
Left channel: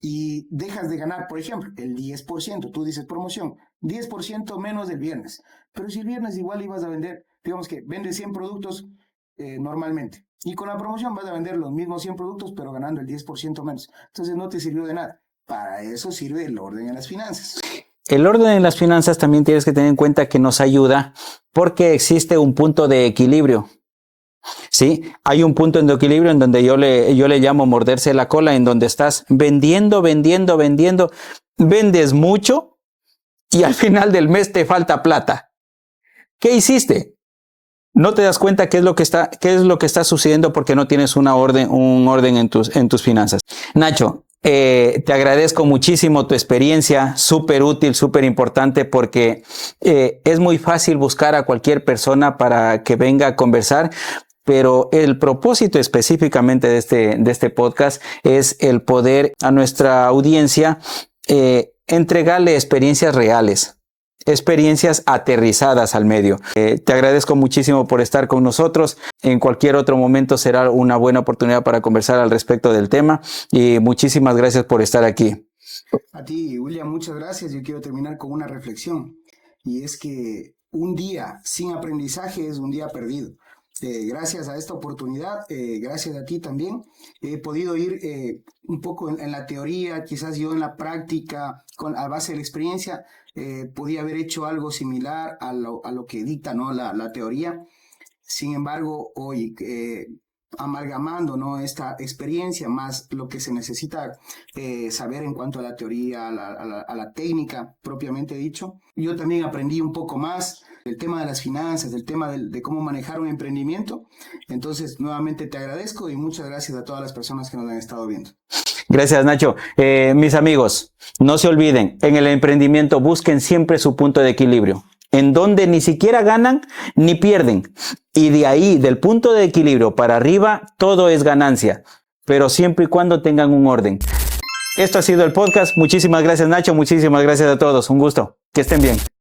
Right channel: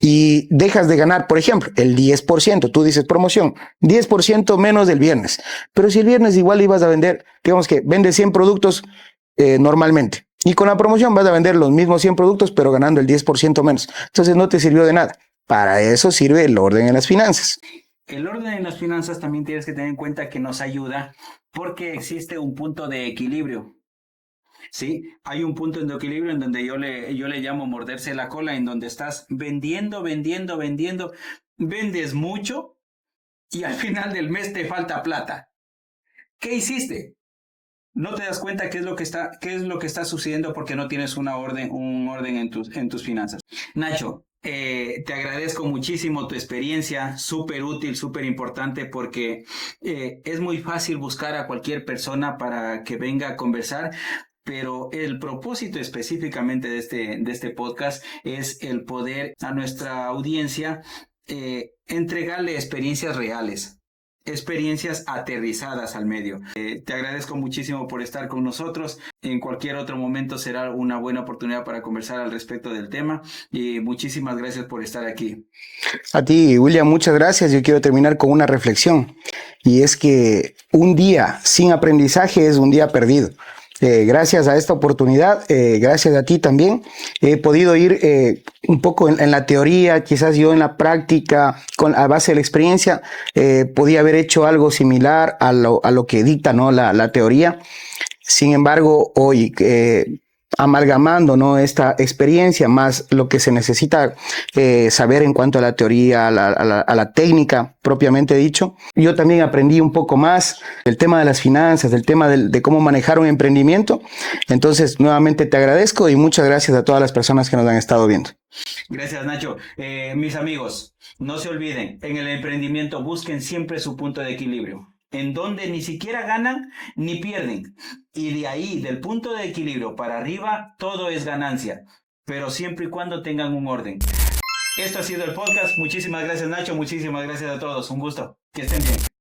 y dejas de ganar, por ejemplo, el 10%, tú dices promoción, 10% menos del viernes, pero si el viernes igual ibas a vender, digamos que vendes 100 productos normalmente y con la promoción vas a vender los mismos 100 productos pero ganando el 10% menos, entonces no te sirvió de nada. Para eso sirve el orden en las finanzas. El orden en las finanzas también tienes que tener en cuenta que nos ayuda porque existe un punto de equilibrio. Sí, hay un punto de equilibrio en donde yo le llamo morderse la cola, en donde estás vendiendo, vendes mucho y al final del mes te falta plata. ¿Qué hiciste? No te das cuenta qué es lo que está sucediendo porque no tienes un orden en tus finanzas. Nacho, te agradezco muchísimo tu experiencia, súper útil, súper importante porque es muy fácil buscar a cualquier persona para que venga a conversar. Pero el propósito específicamente de este podcast es el poder a nuestra audiencia entregarle experiencias reales, experiencias aterrizadas al medio. Te agradezco muchísimo por estar con nosotros. En cualquier otro momento será una buena oportunidad para conversar al respecto del tema y muchísimas gracias por estar aquí. A ti, William, muchas gracias. Yo quiero terminar con una reflexión, y es que un día sin aprendizaje es un día perdido. Gracias a esta oportunidad, gracias a ti también, he podido ir un poco en la teoría, quizás yo en la práctica, a base de la experiencia, podía haber hecho algo similar a lo que dicta, ¿no?, la teoría. Sin embargo, hoy, amalgamando, ¿no?, esta experiencia más lo que se necesita saber en cuanto a la teoría, a la técnica propiamente dicho, yo también aprendí un poco más del tema de las finanzas, del tema de cómo manejar un emprendimiento. Entonces, nuevamente te agradezco y muchas gracias a todas las personas que nos han estado viendo. Gracias, Nacho. Mis amigos, no se olviden, en el emprendimiento busquen siempre su punto de equilibrio, en donde ni siquiera ganan ni pierden. Y de ahí, del punto de equilibrio para arriba, todo es ganancia, pero siempre y cuando tengan un orden. Esto ha sido el podcast. Muchísimas gracias, Nacho. Muchísimas gracias a todos. Un gusto. Que estén bien.